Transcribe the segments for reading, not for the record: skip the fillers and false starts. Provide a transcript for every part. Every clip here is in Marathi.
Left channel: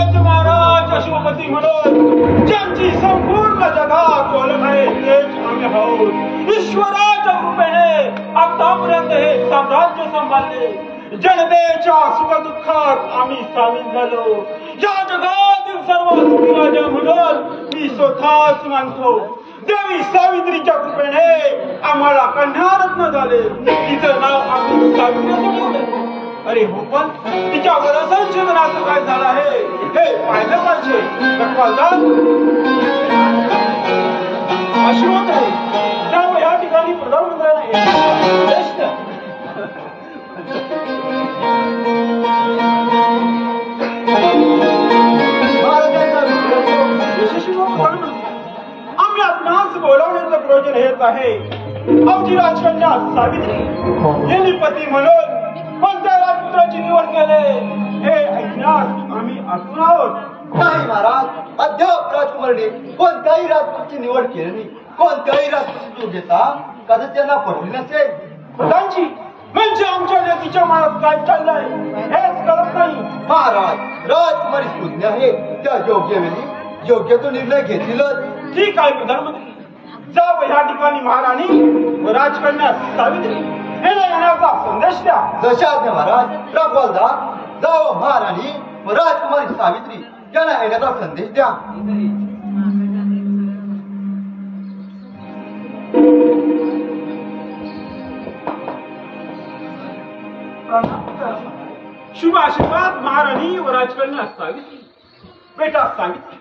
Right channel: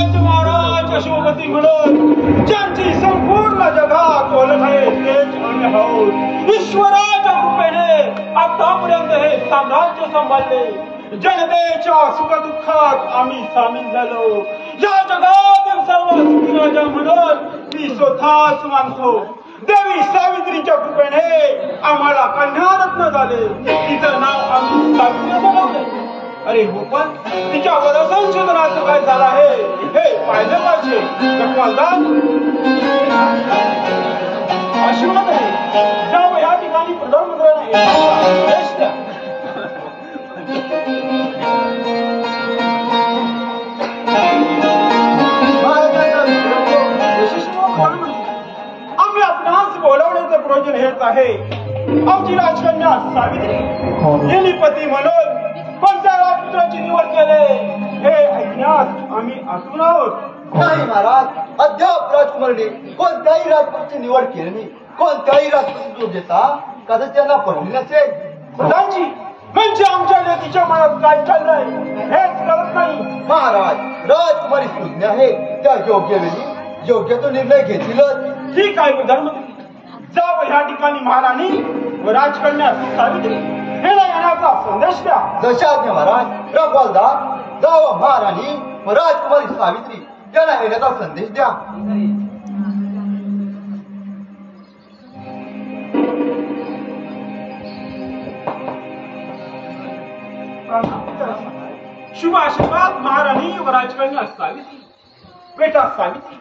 राजमहाराज अशोकपती म्हणून ज्यांची संपूर्ण जगात ओळख आहे तेच आम्ही आहोत. ईश्वराच्या कृपेने आतापर्यंत हे साम्राज्य सांभाळले. जनतेच्या सुखदुःखात आम्ही सामील झालो. या जगातील सर्व सुखी राजा म्हणून मी स्वतःच मानतो. देवी सावित्रीच्या कृपेने आम्हाला कन्यारत्न झाले. तिचं नाव आम्ही सावित्री असं ठेवले. अरे हो, पण तिच्यावर संशोधनाचं काय झालं आहे हे पाहिलं पाहिजे. आशीर्वाद आहे त्यामुळे या ठिकाणी प्रधानमंत्र्यांना यशस्वी प्रधानमंत्री आम्ही आपणास बोलावण्याचं प्रयोजन हेच आहे. आमची राजकन्या सावित्री यांनी पती म्हणून कोणत्या राजपुत्राची निवड केले हे ऐकण्यास आम्ही आतुर आहोत. नाही महाराज, अद्याप राजकुमारीने कोणत्याही राजपूतची निवड केली नाही. कोणत्याही राजपूत योग्यता कदाचित त्यांना पडली नसेल. प्रधानजी, म्हणजे आमच्या लेकीच्या मनात काय चाललंय हेच कळत नाही. महाराज, राजकुमारी सुज्ञ आहे. त्या योग्य वेळी योग्य तो निर्णय घेतीलच. ठीक आहे प्रधानमंत्री, जाव ह्या ठिकाणी महाराणी व राजकन्या सावित्री यांना येण्याचा संदेश द्या. जशा आज्ञा महाराज. रखवालदार, जाव महाराणी व राजकुमारी सावित्री यांना येण्याचा संदेश द्या. शुभ आशीर्वाद महाराणी व राजकन्या सावित्री. बेटा सावित्री,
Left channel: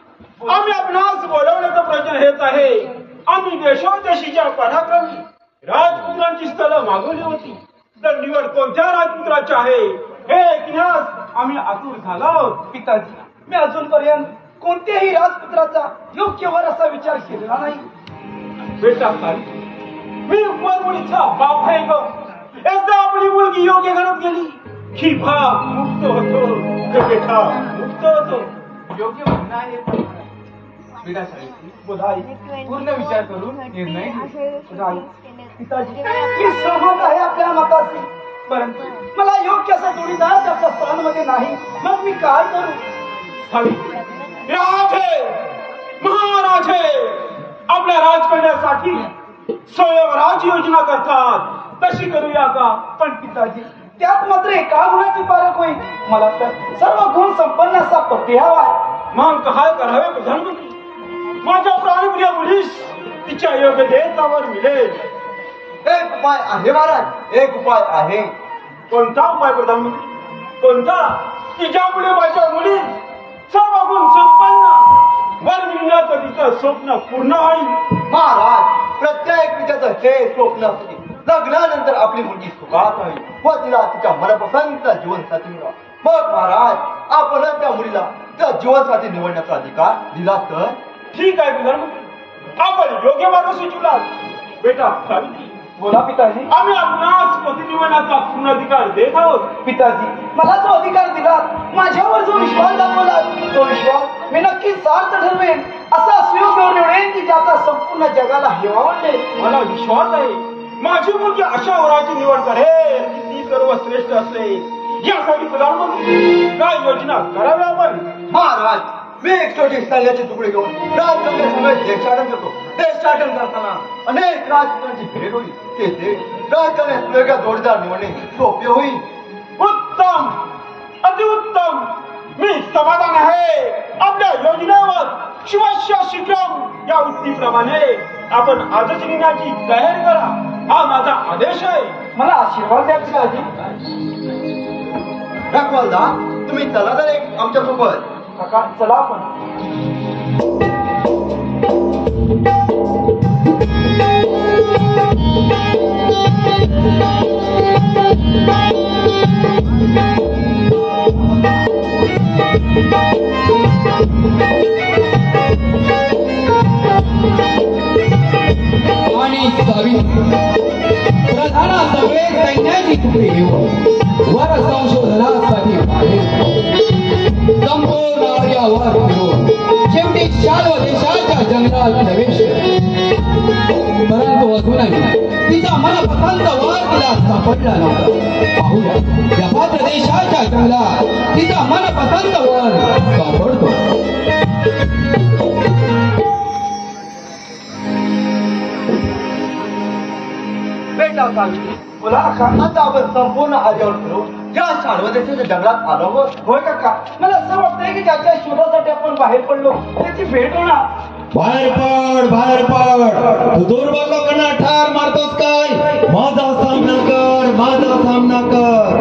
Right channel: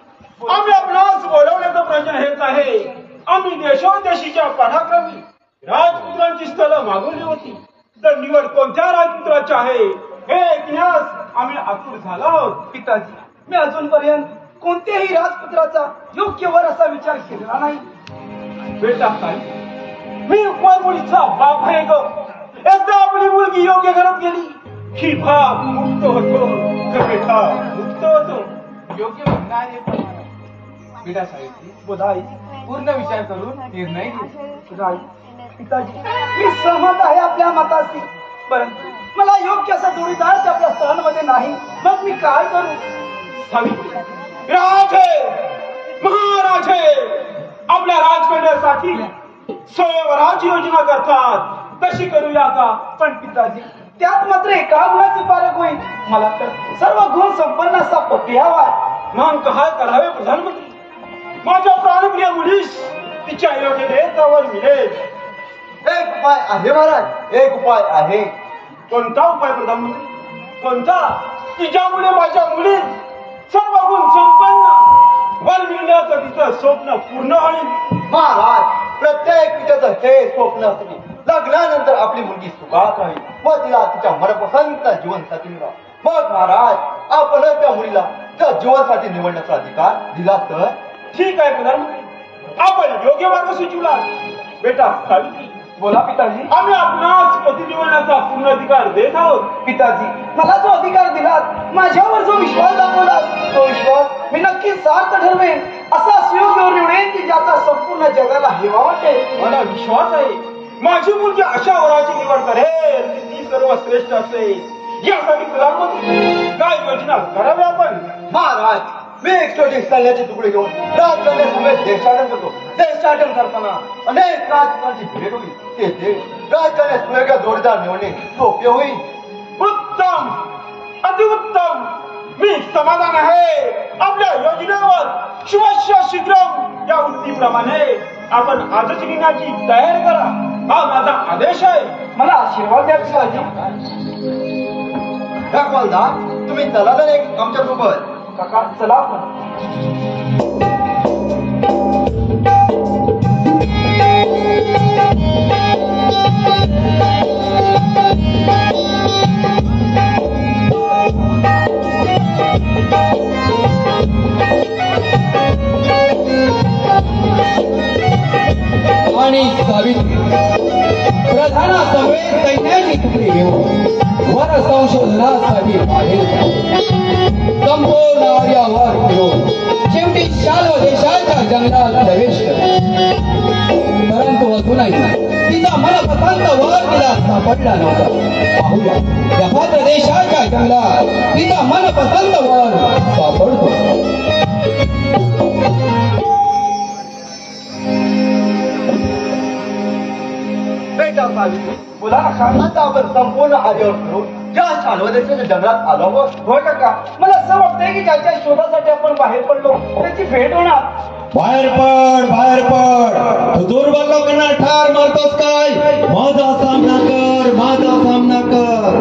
आम्ही आपणास बोलवण्याचं प्रयोजन हेच आहे. आम्ही देशोदेशीच्या पराक्रमी राजपुत्रांची स्थळं मागवली होती. तर निवड कोणत्या राजपुत्राची आहे हे ऐकण्यास आम्ही आतुर झालो आहोत. पिताजी, मी अजूनपर्यंत कोणत्याही राजपुत्राचा योग्य वर असा विचार केलेला नाही. बेटा सावित्री, मी उपमार मुलीचा बाप आहे ग. एकदा आपली मुलगी योग्य घरात गेली की भाग मुक्त होतो. बेटा मुक्त होतो. योग्य म्हणणं आहे बेटा सावित्री. बुधाई पूर्ण विचार करून निर्णय घे. पिताजी, मी सहमत आहे आपल्या मताशी, परंतु मला योग्य असा जोडीदार आपल्या स्थानामध्ये नाही. मग मी काय करू? सावित्री, राजे महाराजे आपल्या राजकन्यासाठी स्वयंवराची योजना करतात. तशी करूया का? पण पिताजी, त्यात मात्र एका गुणाची पारख होईल. मला तर सर्व गुण संपन्न असा पती हवा. मग काय करावे प्रधानमंत्री? माझ्या प्राणप्रिय मुलीस तिच्या योग्यतेवर मिळेल. एक उपाय आहे महाराज, एक उपाय आहे. कोणता उपाय प्रधानमंत्री? कोणता? की ज्यामुळे माझ्या मुली सर्व गुण संपन्न वर मिळण्याचं तिचं स्वप्न पूर्ण होईल. महाराज, प्रत्येक पित्याचं हे स्वप्न असते. लग्नानंतर आपली मुलगी सुखात राहील व तिला तिच्या मनपसंतीचा जीवनसाथी मिळावा. मग महाराज, आपण त्या मुलीला त्या जीवनसाथी निवडण्याचा अधिकार दिला तर? ठीक आहे प्रधानमंत्री, आपण योग्य मार्ग सुचवलात. बेटा सावित्री, बोला पिताजी. आम्ही आपणास पती निवडण्याचा पूर्ण अधिकार देत आहोत. पिताजी, मला जो अधिकार दिलात, माझ्यावर जो विश्वास दाखवला, तो विश्वास मी नक्कीच सार्थ ठरवेन. असा सुयोग्य निवडेन की ज्याचा संपूर्ण जगाला हेवा वाटेल. मला विश्वास आहे माझी मुलगी अशा वराची निवड करेल की ती सर्वश्रेष्ठ असेल. यासाठी प्रधानमंत्री काय योजना करावी आपण? महाराज, मी एक छोटी सैन्याची तुकडी घेऊन राजकन्यासमोर देशाटन करतो. देशाटन करताना अनेक राजपुत्रांची भेट होईल. तेथे राजकन्या सुयोग्य जोडीदार निवडणे सोपे होईल. उत्तम, अतिउत्तम. मी समाधान आहे. आपल्या योजनेवर शिवस्य शीघ्र या उक्तीप्रमाणे आपण आजच निघण्याची तयारी करा. हा माझा आदेश आहे. मला आशीर्वाद द्या पिताजी. रखवालदार, तुम्ही चला तर एक आमच्या सोबत. काका, चला आपण. आणि सावित्री प्रधानासमोर सैन्याची तुकडी घेऊन वर संशोधनासाठी बाहेर संपूर्ण आर्यावर फिरून शेवटी शाल्व देशाच्या जंगलात प्रवेश केला. परंतु अजूनही तिचा मनपसंत वर तिला सापडला नव्हता. पाहूया, या पात्र देशाच्या जंगलात तिचा मनपसंत वर सापडतो. सावित्री बोला काका. आता आपण संपूर्ण आर्यावर फिरून या शानवदेच्या जंगलात आलो आहोत. होय काका, मला असं वाटतंय की ज्याच्या शोधासाठी आपण बाहेर पडलो त्याची भेट होणार. बाहेर पड तू दुर्बलोकांना ठार मारतोस काय? माझा सामना कर.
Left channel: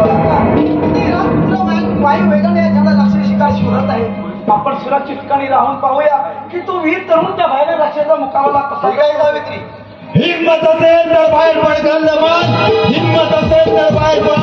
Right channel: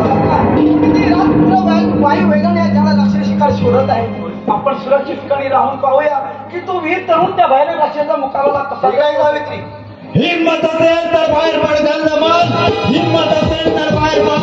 किती रात पुढं वायू वेगाने या जंगलात राक्षस शिकार शोधत आहे. आपण सुरक्षित ठिकाणी राहून पाहूया की तो वीर तरुण त्या बाहेर राक्षसाचा मुकाबला कसा ठीक आहे सावित्री. हिम्मत असेल तर बाहेर पड गंधमान. हिम्मत असेल तर बाहेर पड.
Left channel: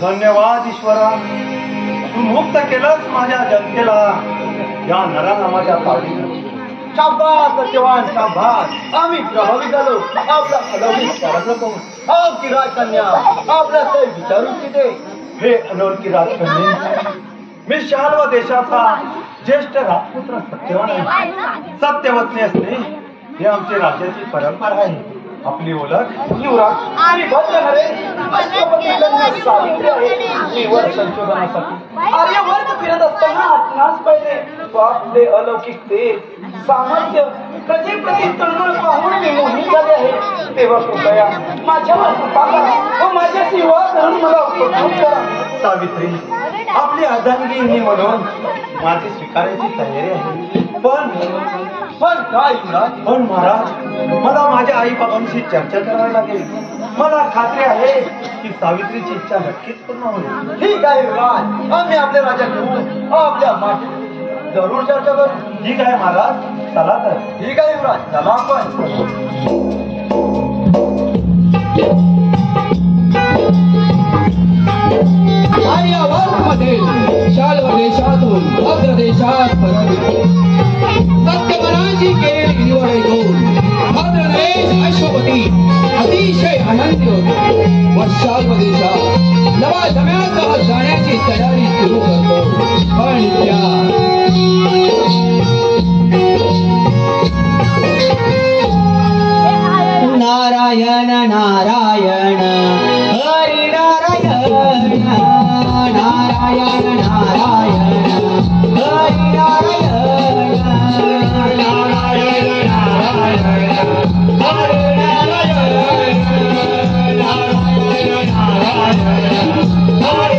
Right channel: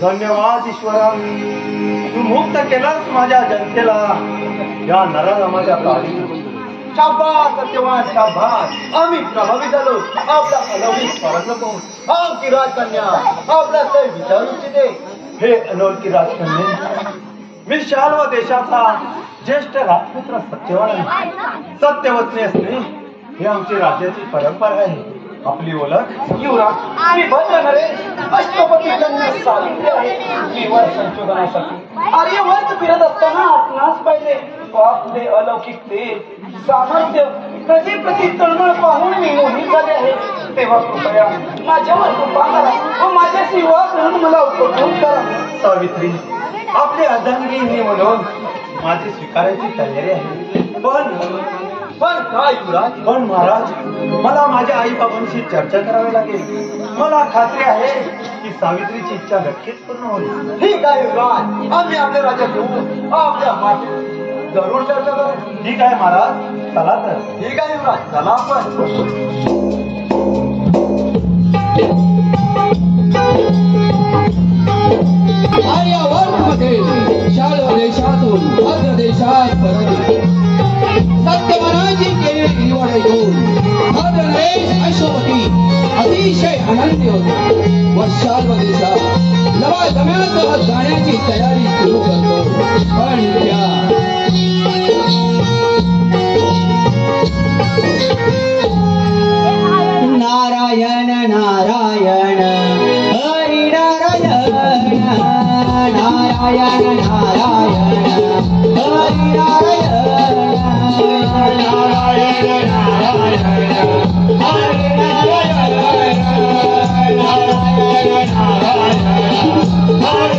धन्यवाद ईश्वरा, तू मुक्त केलंस माझ्या जनतेला या नराधमाच्या तावडीतून. शाबास सत्यवान शाबास. आम्ही प्रभावित झालो आपला अलौकिक पराक्रम पाहून. आमची राजकन्या आपल्या काही विचारू इच्छिते. हे अनोळखी राजकन्या, मी शाल्व देशाचा ज्येष्ठ राजपुत्र सत्यवान आहे. सत्यवतने असणे ही आमची राज्याची परंपरा आहे. आपली ओळख? युवराज, मी भद्र नरेश अश्वपती कन्या सावित्री आहे. निवड संशोधनासाठी आर्यवर्त फिरत असताना आपणास पाहिले. आपले अलौकिक तेज, सामर्थ्य, प्रति तळमळ पाहून मी मोहित झाले आहे. तेव्हा कृपया माझ्यावर कृपा करा व माझ्याशी विवाह करून मला उपकृत करा. सावित्री, आपली अर्धांगिनी म्हणून माझी स्वीकारायची तयारी आहे. पण काय युवराज? पण महाराज, मला माझ्या आई बाबांशी चर्चा करावी लागेल. मला खात्री आहे की सावित्रीची इच्छा नक्कीच पूर्ण होईल. ठीक आहे युवराज, आम्ही आपल्या राजा घेऊन आपल्या मागे जरूर चर्चा करू. ठीक आहे महाराज, चला तर. ठीक आहे युवराज, चला आपण. आर्यावर्तमधील शाल्व देशातून भद्र देशात परत सत्यवानाची केलेली निवड ऐकून भद्र नरेश अश्वपती अतिशय आनंदी होतो व शाल्व देशात लवाजम्यासह जाण्याची तयारी सुरू करतो. पण नारायण नारायण हरि नारायण नारायण नारायण हरि नारायण नारायण नारायण हरि नारायण नारायण नारायण हरि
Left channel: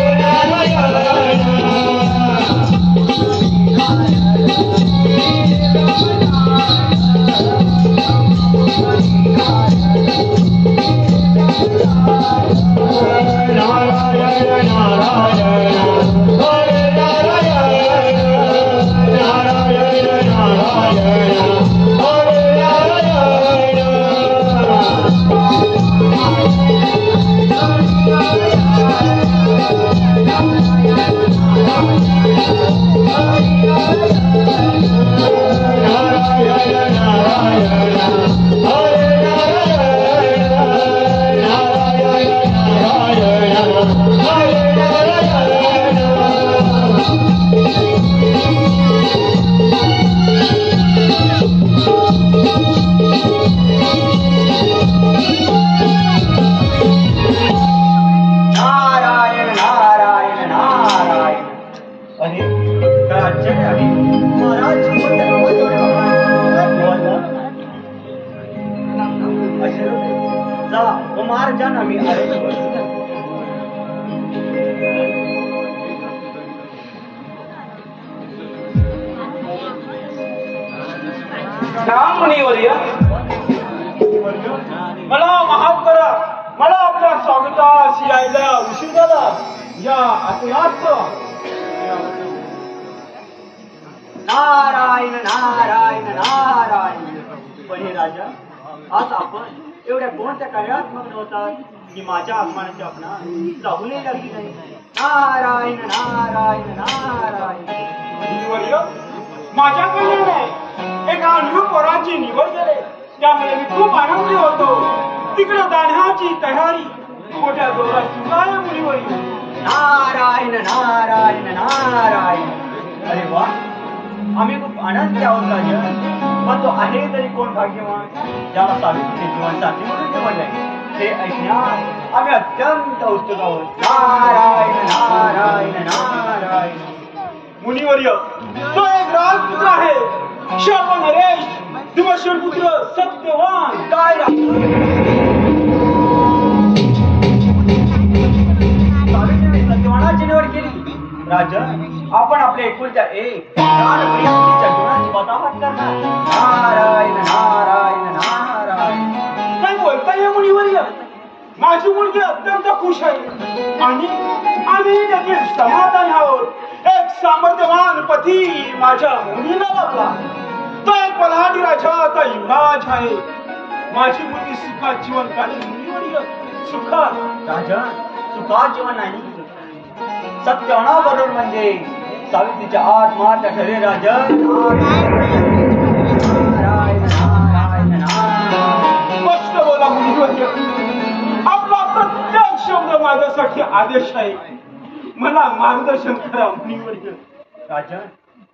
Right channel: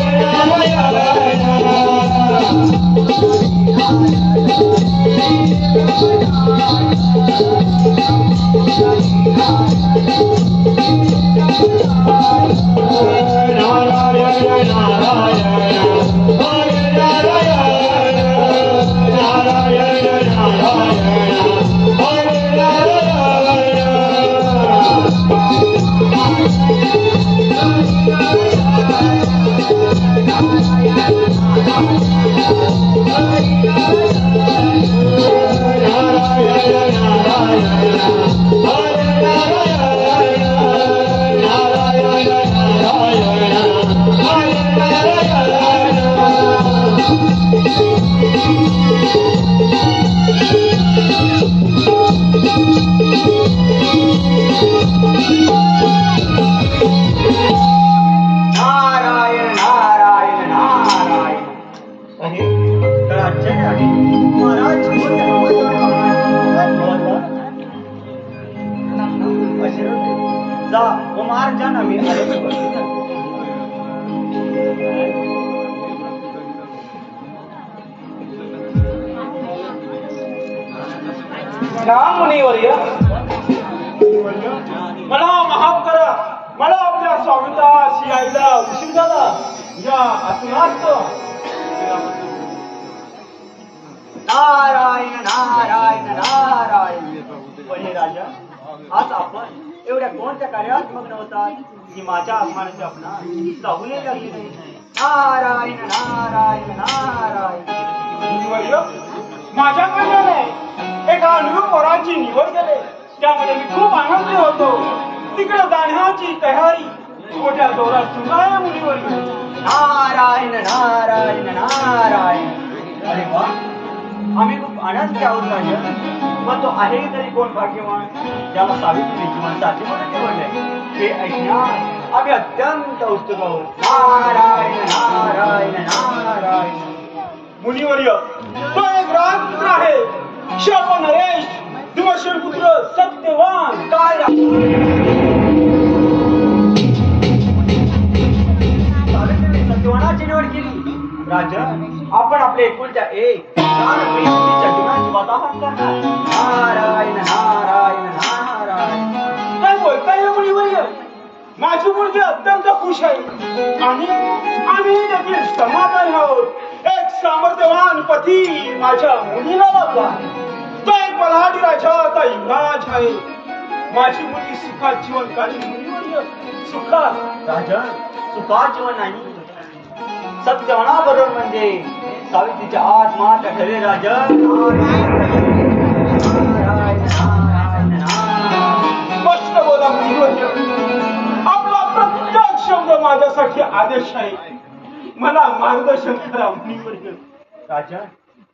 मला माफ करा, मला आपल्या स्वागतास यायला उशीर झाला. या असनात नारायण नारायण नारायण. पण हे राजा, आज आपण एवढ्या कोणत्या कार्यात मग्न होतात की माझ्या आगमनाची आपणा चाहूलही लागली नाही. नारायण नारायण नारायण. माझ्या कल्याणे एका अनुरूप वराची निवड केले, त्यामुळे मी खूप आनंदी होतो. तिकडे जाण्याची तयारी मोठ्या जोरात सुरू आहे मुलीवर. नारायण नारायण नारायण. अरे वा, आम्ही खूप आनंदी आहोत राजा. पण तो आहे तरी कोण भाग्यवान ज्याला सावित्री जीवनसाथी म्हणून निवडले हे ऐकण्यात आम्ही अत्यंत उत्सुक आहोत. नारायण नारायण नारायण. मुनिवर्य, तो एक राजपुत्र आहे, शाप नरेश धुमश्वर पुत्र सत्यवान. काय सावित्रीने सत्यवानाची निवड केली. राजन, आपण आपल्या एकुलत्या एक प्राणप्रिय मुलीच्या जीवनाची वाताहत करणार. नारायण नारायण नारायण. काय बोलताय या मुनिवर्य? माझी मुलगी अत्यंत खुश आहे आणि आम्ही देखील समाधानी आहोत. एक सामर्थ्यवान पती माझ्या मुलीला लाभला. तो एक बलाढ्य राजाचा युवराज आहे. माझी मुलगी सुखात जीवन काढली. मुनिवर्य, सुखात. राजन, सुखात जीवन नाही, सत्यवानाबरोबर म्हणजे सावित्रीच्या आत्महत्या ठरले. राजन, आत्महत्या. बघा मुनिवर्य, आपला प्रत्येक शब्द माझ्यासाठी आदेश आहे. मला मार्गदर्शन करा मुनिवर्य. राजन,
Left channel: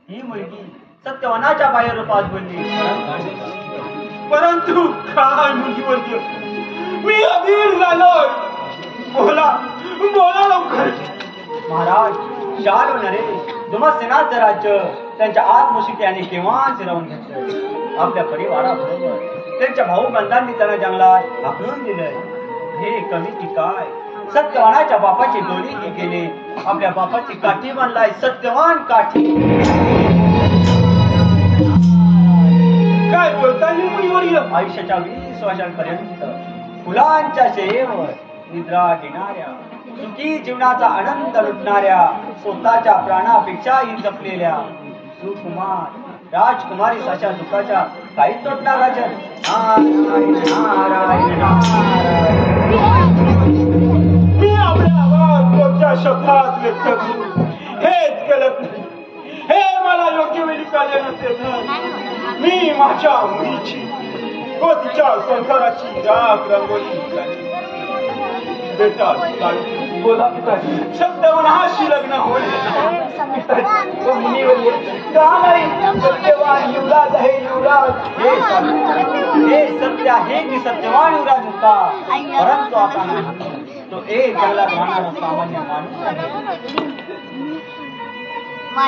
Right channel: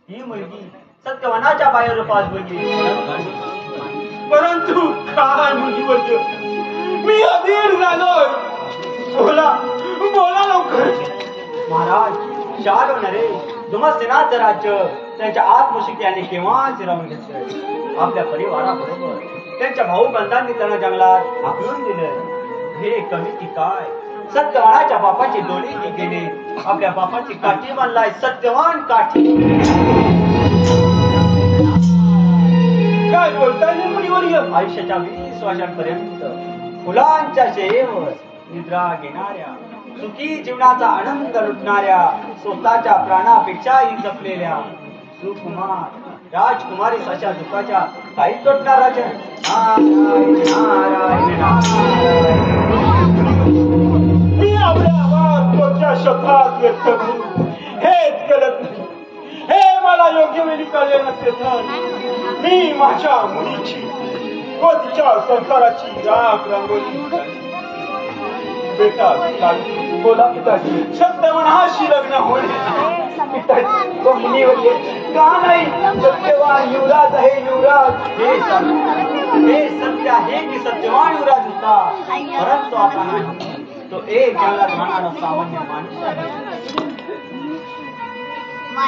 ही मुलगी सत्यवानाच्या बाह्य रूपात बोलली, परंतु काय मुनिवर्य, मी अधीर झालोय. बोला बोला लवकर. महाराज, शाल नरेश दुमसेनाचं राज्य त्यांच्या आत्मशक्ती यांनी केव्हाच हिरावून घेतलंय. आपल्या परिवाराबरोबर त्यांच्या भाऊबंधांनी त्यांना जंगलात हाकलून दिलंय. हे कमी की काय? सत्यवानाच्या बापाची डोली की गेले, आपल्या बापाची काठी बांधलाय सत्यवान काठी. काय बोलताय मुनिवर्य? आयुष्याच्या 20 वर्षांपर्यंत फुलांच्या शयेवर निद्रा घेणाऱ्या, सुखी जीवनाचा आनंद लुटणाऱ्या, स्वतःच्या प्राणापेक्षाही जपलेल्या सुकुमार राजकुमारी अशा दुःखाच्या काही तोडणार राजन. नारायण नारायण नारायण. मी आपल्या आवाज कोणत्या शब्दात व्यक्त करू हेच कळत नाही. हे मला योग्य वेळी कळले नसते तर मी माझ्या मुलीची व तिच्या संसाराची राख रांगोळी बेटा बोला पिताजी. सत्यवानाशी लग्न होणे. पिताजी, तो मुनिवर्य का नाही? सत्यवान युवराज आहे, युवराज. हे सत्य आहे की सत्यवान युवराज होता, परंतु आता नाही. तो एक जंगलात राहणारा सामान्य माणूस आहे.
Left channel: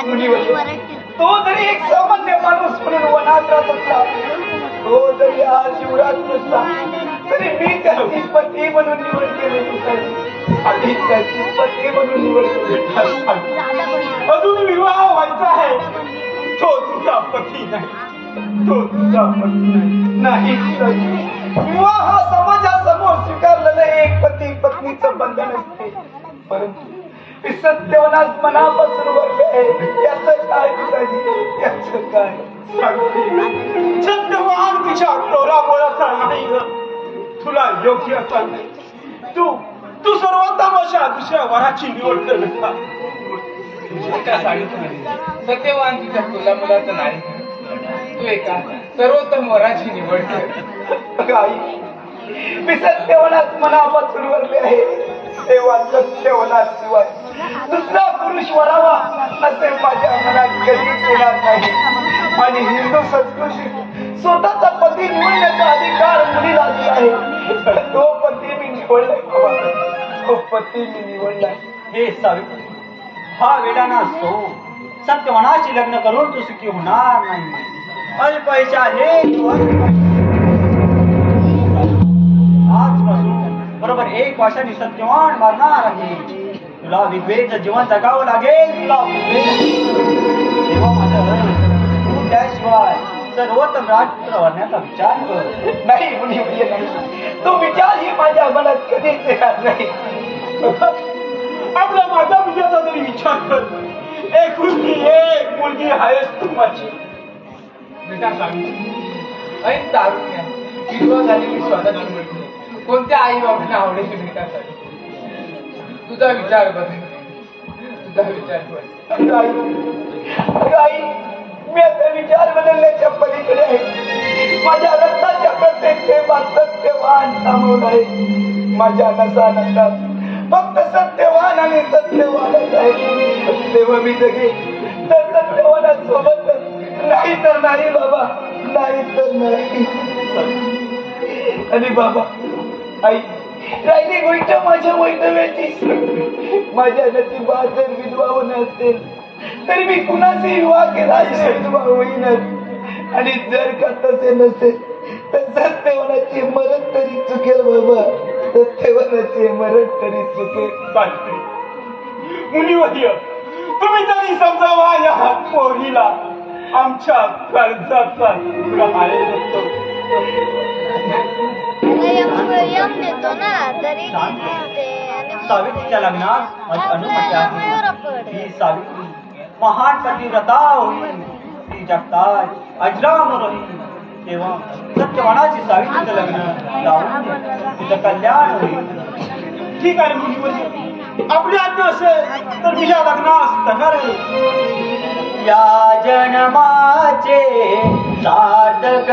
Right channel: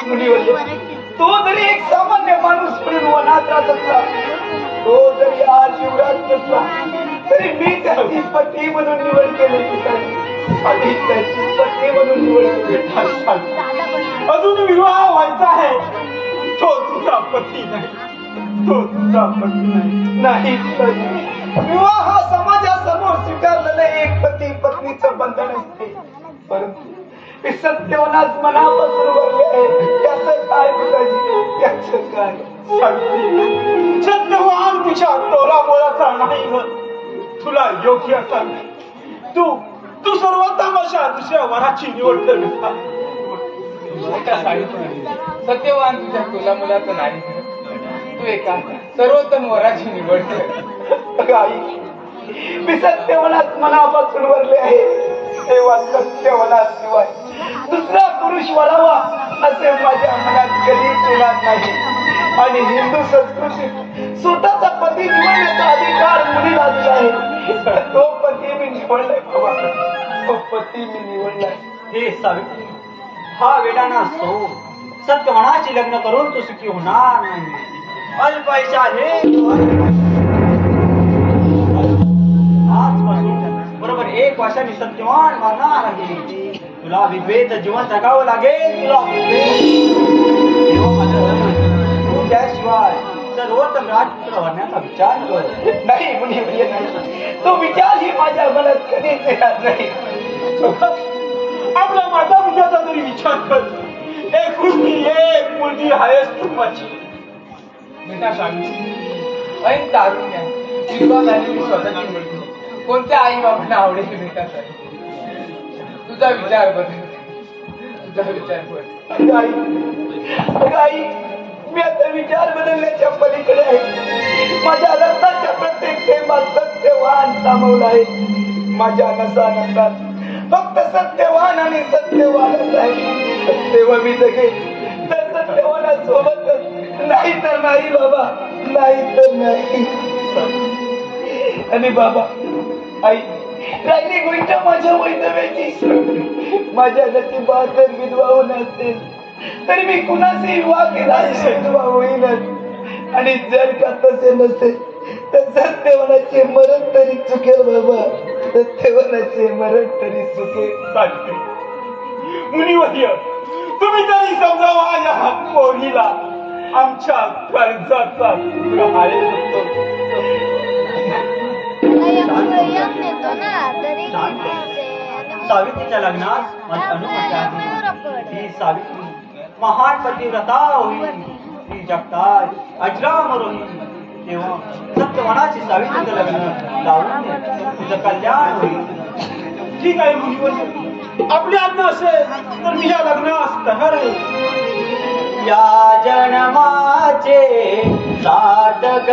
मुनिवर्य, तो जरी एक सामान्य माणूस म्हणून वनात राहत असला, तो जरी आज युवराज नसला, तरी मी त्याची पती म्हणून निवड केली. आधी त्याची पती म्हणून निवड केली. अजून विवाह व्हायचा आहे. तो तुझा पती नाही, तो तुझा पती नाही. नाही पिताजी, विवाह हा समाजासमोर स्वीकारलेलं एक पती पत्नीचं बंधन असते, परंतु हे सत्यवनात मनापासून वरले आहे. त्याचं काय पिताजी, त्याचं काय? सत्यवान तिच्या टोला बोलाचा नाही ग. तुला योग्य असा नाही. तू सर्वोत्तम अशा दुसऱ्या वराची निवड कर बेटा. सत्यवान तिच्या तुला मुलाचं नाही, तू एका सर्वोत्तम वराची निवड कर. आई, मी सत्यवनात मनापासून वरले आहे. तेव्हा सत्यवनात शिवाय दुसरा पुरुष वरावा असे माझ्या मनात कधीच येणार नाही. आणि हिंदू संस्कृतीत स्वतःचा पती निवडण्याचा अधिकार मुलीला दिला आहे. तो पती मी निवडलाय बाबा, तो पती मी निवडलाय. हे सावित्री, हा वेडाना सो. सत्यवनाची लग्न करून तू सुखी होणार नाही. अल्पैशा हे आजपासून बरोबर 1 वर्षांनी सत्यवान मरणार आहे. तुला विधवेचं जीवन जगावं लागेल. तुला त्याशिवाय सर्वोत्तम राजपुत्र होण्याचा विचार कर. नाही मुनी नाही, तो विचार ही माझ्या मनात कधीच येणार नाही. आपल्या माझ्या पित्याचा तरी विचार कर. एकुलती एक मुलगी आहेस तू माझी. बेटा स्वामी, ऐन तारुण्य विधवा झालेली स्वतःची मुलगी कोणत्या आई बाबांना आवडेल बेटा? तुझा विचार बदल, तुझा विचार बदल. आई, मी आता विचार बदलण्याच्या पलीकडे आहे. माझ्या रक्ताच्या प्रत्येक प्रेमात सत्यवान सामोर आहे. माझ्या नसात फक्त सत्यवान आणि सत्यवानच आहे. तेव्हा मी जगे तर सत्यवानासोबतच, नाही तर नाही बाबा, नाही तर नाही. आणि बाबा, आई, राहिली गोष्ट माझ्या वैधव्याची. माझ्या नशिबात जर विधवा होणं असेल तर मी कुणाशी विवाह केला विधवा होईनच. आणि जर का तसे नसेल तर सत्यवानाचे मरण तरी चुकेल बाबा, सत्यवानाचे मरण तरी चुकेल. सावित्री, मुनिवर्य, तुम्ही तरी समजावा या पोरीला. आमच्या कर्जाचा आहे. सावित्रीच्या लग्नात माझी अनुमती आहे. ही सावित्री महान पतिव्रता होईल. ती जगतात अजरामर होईल. तेव्हा सत्यवानाची सावित्रीचं लग्न लावून तिचं कल्याण होईल. ठीक आहे मुनिवर्य, आपली आज्ञा असेल तर मी या लग्नास तयार होईल. या जन्माचे सार्थक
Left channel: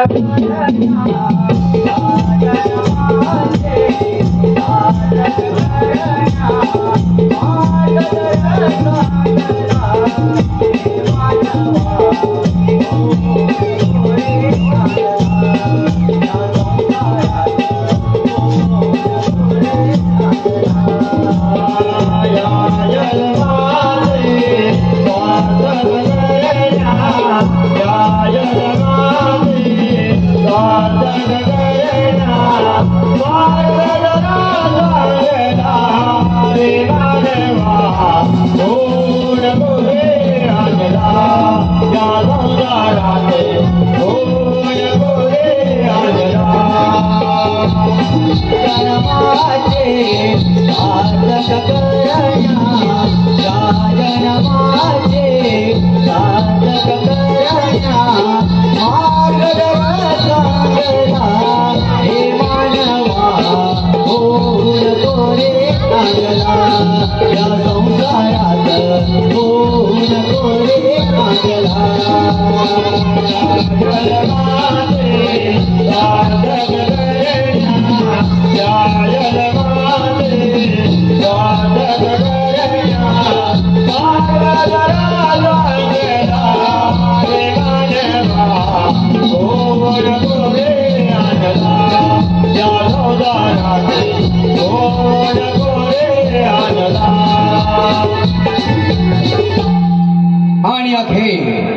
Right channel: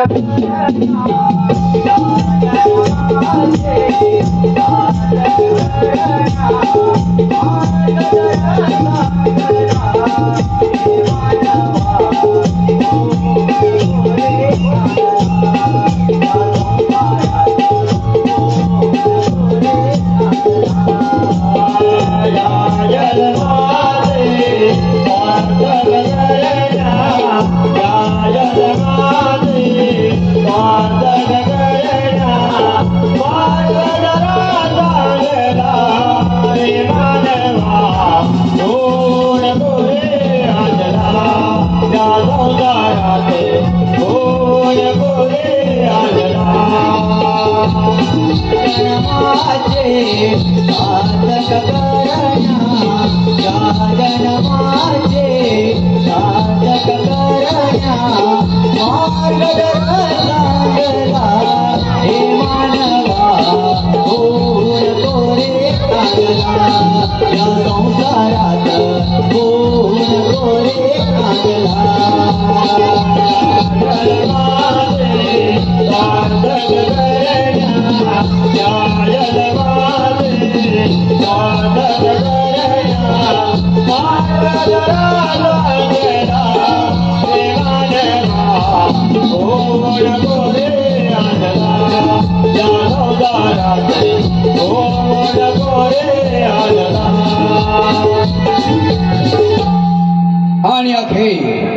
आणि अखेर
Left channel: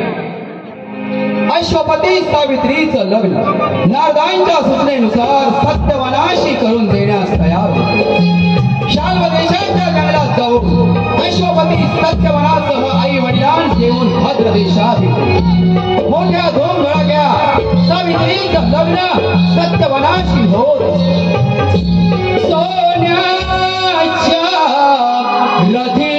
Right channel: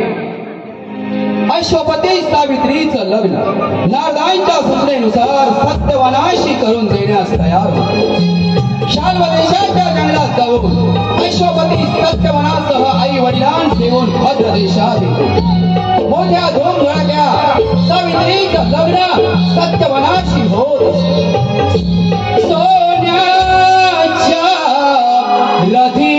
अश्वपती सावित्रीचं लग्न नारदांच्या सूचनेनुसार सत्यवनाशी करून देण्यास तयार शाल्व देशाच्या जंगलात जाऊन अश्वपती सत्यवनासह आई वडिलांना घेऊन भद्र देशात मोठ्या धूमधडाक्या सावित्रीचं लग्न सत्यवनाशी होत सोन्याच्या रथी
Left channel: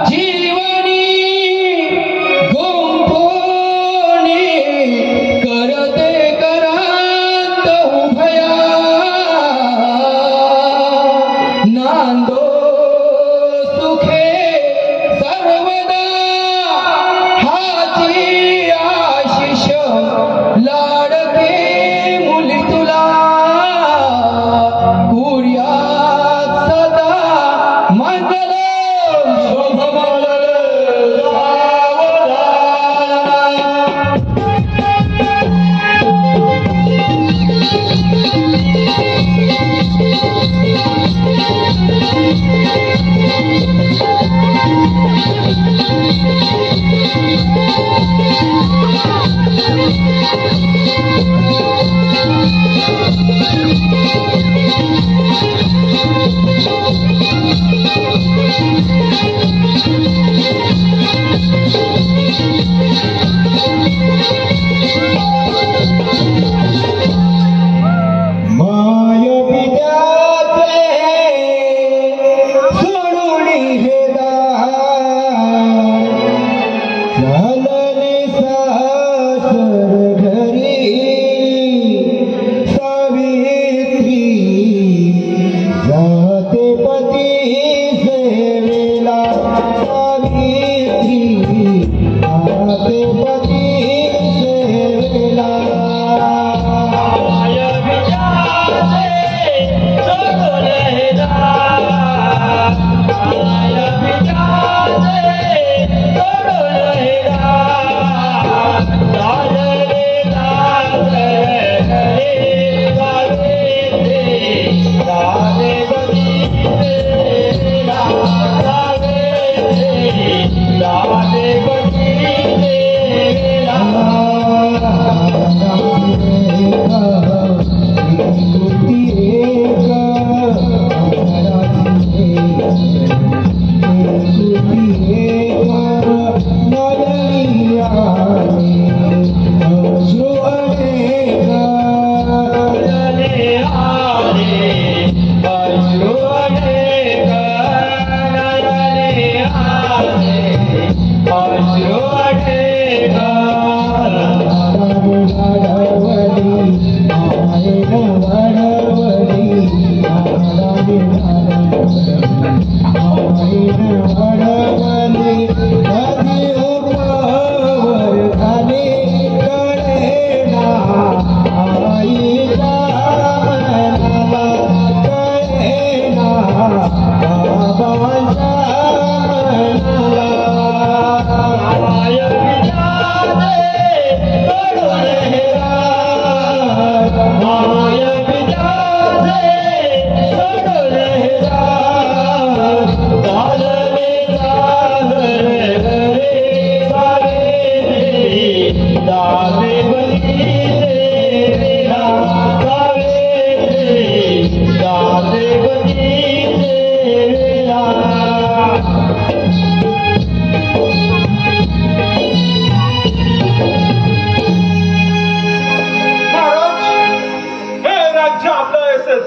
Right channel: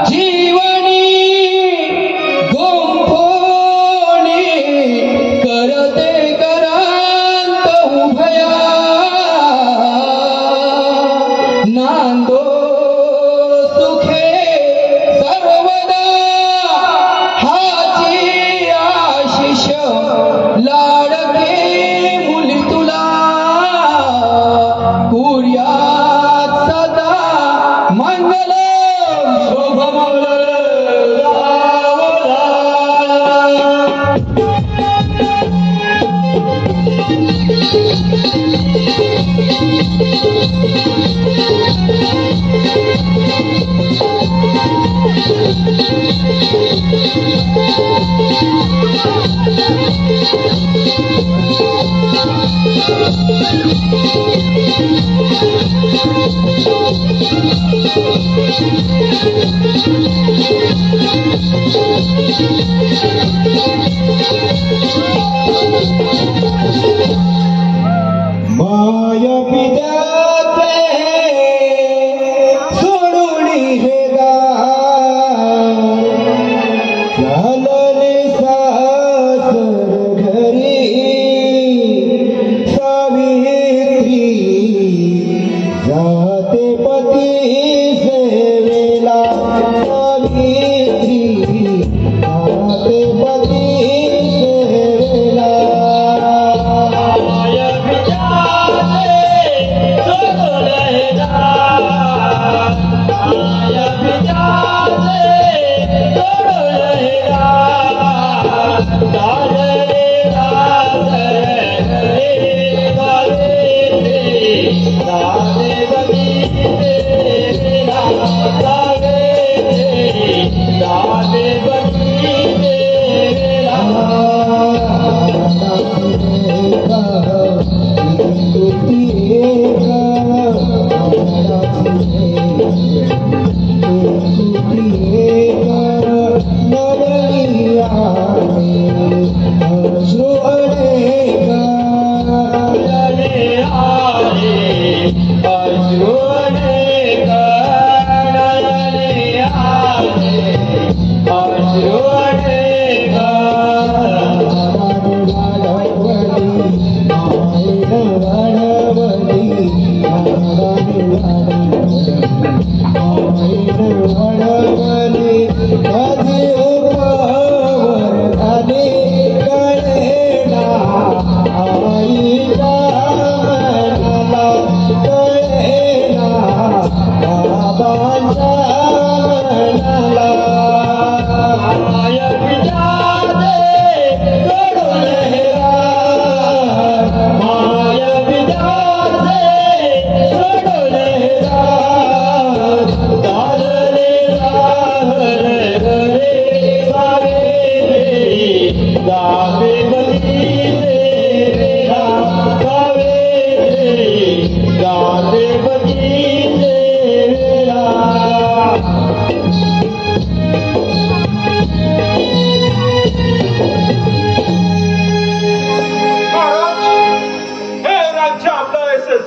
जीव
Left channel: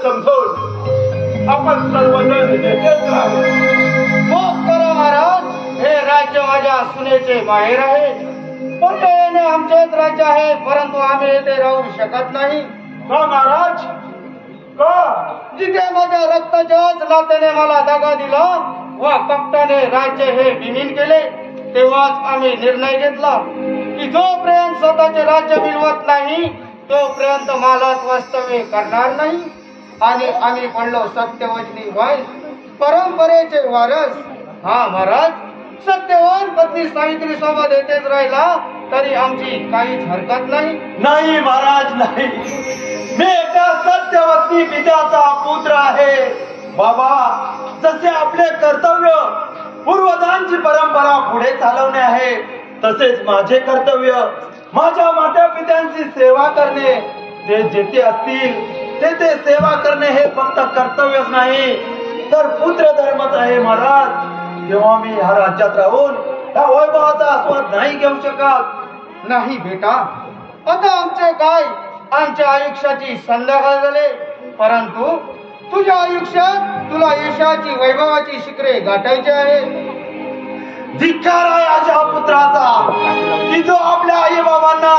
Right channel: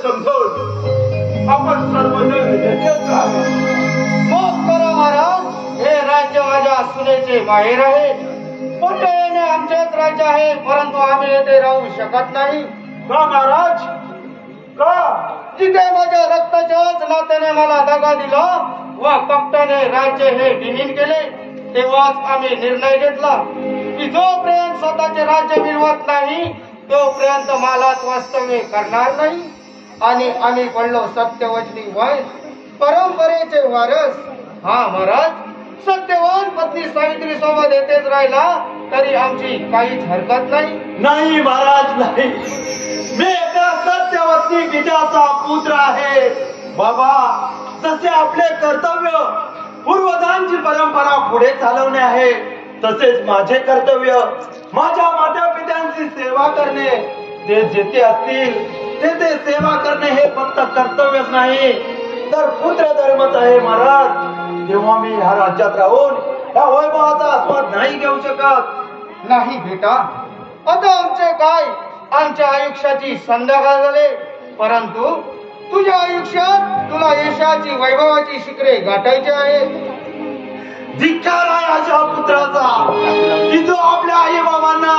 समजून आपण सर्वजण येथेच राहू. माफ करा महाराज, हे राज्य माझ्या सुनेचे माहेर आहे. पण ते येणे आमचेच राज्य आहे, परंतु आम्ही येथे राहू शकत नाही. का महाराज, का? जिथे माझ्या रक्ताच्याच नात्याने मला दगा दिला व कपटाने राज्य हे विहीन केले, तेव्हाच आम्ही निर्णय घेतला की जोपर्यंत स्वतःचे राज्य मिळवत नाही तोपर्यंत मालात वास्तव्य करणार नाही. आणि आम्ही पडलो सत्यवचनी वाईस, परंपरेचे वारस. हा महाराज, सत्यवान पत्नी सावित्री सोबत येतेच राहिला तरी आमची काहीच हरकत नाही. नाही महाराज, नाही. मी एका सत्यवती पित्याचा पुत्र आहे. बाबा, जसे आपले कर्तव्य पूर्वजांची परंपरा पुढे चालवणे आहे, तसेच माझे कर्तव्य माझ्या माता पित्यांची सेवा करणे. ते जेथे असतील तेथे सेवा करणे हे फक्त कर्तव्यच नाही तर पुत्र धर्मच आहे महाराज. तेव्हा मी ह्या राज्यात राहून या वैभवाचा आस्वाद नाही घेऊ शकत. नाही बेटा, आता आमचे काय, आमच्या आयुष्याची संध्याकाळ झाले, परंतु तुझ्या आयुष्यात तुला यशाची वैभवाची शिखरे गाठायची आहे. धिक्कार आहे अशा पुत्राचा की जो आपल्या आई बाबांना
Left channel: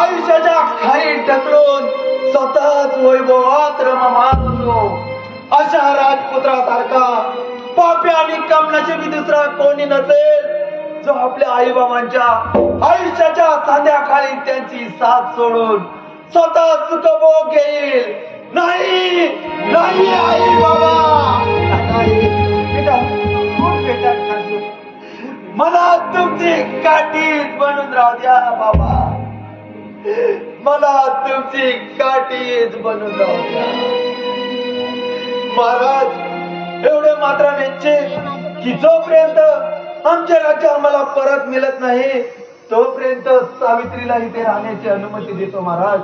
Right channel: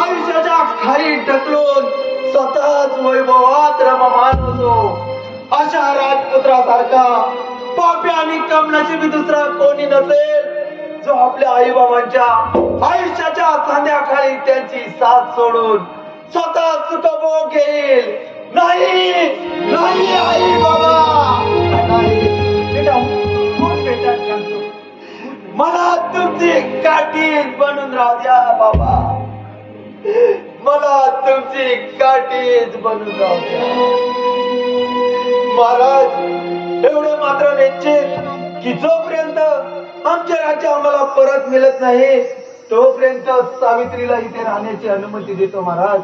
आयुष्याच्या खाली ढकलून स्वतःच वैभवात रममान होतो. अशा राजपुत्रासारखा पापी आणि कमनशिबी दुसरा कोणी नसेल जो आपल्या आई बाबांच्या आयुष्याच्या सांध्याखाली त्यांची साथ सोडून स्वतः सुखभोग घेईल. नाही, नाही आई बाबा, मला तुमची काठीच बनून राहू द्या बाबा. मला तुमची काठीच बनून राहू द्या महाराज. एवढे मात्र निश्चित की जोपर्यंत आमचे राज्य आम्हाला परत मिळत नाही तोपर्यंत सावित्रीला इथे राहण्याची अनुमती देतो महाराज.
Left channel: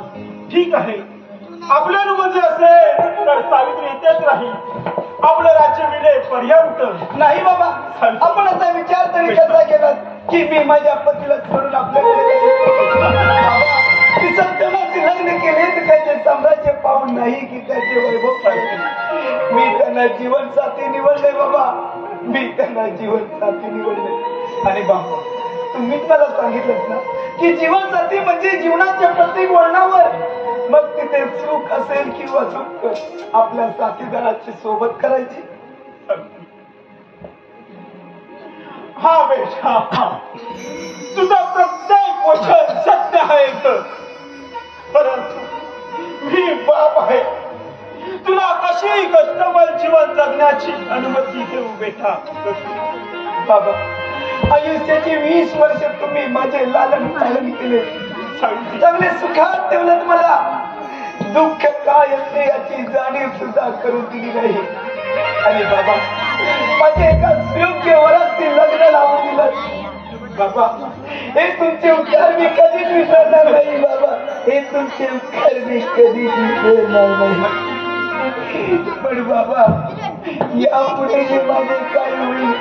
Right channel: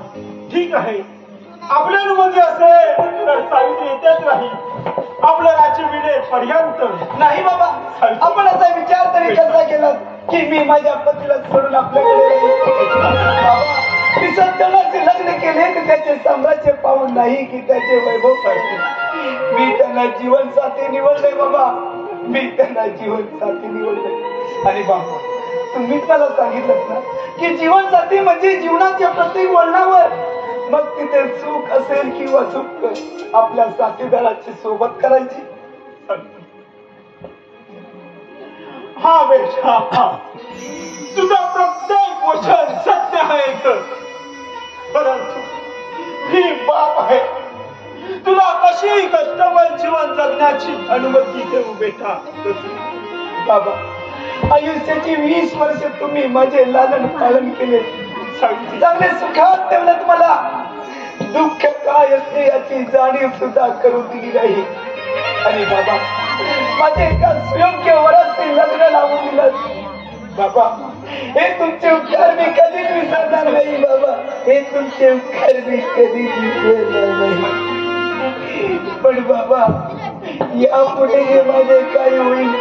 ठीक आहे, आपली अनुमती असेल तर सावित्री येतेच राहील. आपलं राज्य मिळेपर्यंत. नाही बाबा, आपण असा विचार तरी कसा केला की मी माझ्या पतीला सोडून आपल्याकडे येईल? बाबा, मी सत्यवानचे लग्न केले तर त्याचे साम्राज्य पाहून नाही की त्याचे वैभव पाहिजे. मी त्यांना जीवन साथी निवडले बाबा, मी त्यांना जीवन साथी निवडले. आणि बाबा, तुम्हीच मला सांगितलं ना की जीवन साथी म्हणजे जीवनाच्या प्रत्येक वळणावर, मग तिथे सुख असेल किंवा दुःख, आपल्या साथीदाराची सोबत करायची. हा बेटा, तुझं प्रत्येक वचन सत्य आहे, परंतु मी बाप आहे. तुला कशी कष्टमय जीवन जगण्याची अनुमती देऊ बेटा? बाबा, आयुष्याची 20 वर्ष तुम्ही माझे लालन पालन केले, चांगले सुखात ठेवलं. मला दुःख काय असते याची जाणीव सुद्धा करून दिली नाही. आणि बाबा, माझे एका सुयोग्य वराशी लग्न लावून दिलं. बाबा, हे तुमचे उपकार मी कधीच विसरणार नाही. बाबा, हे तुमचे उपकार मी कधीच विसरणार नाही. पण बाबा, यापुढे जे माझे काय होईल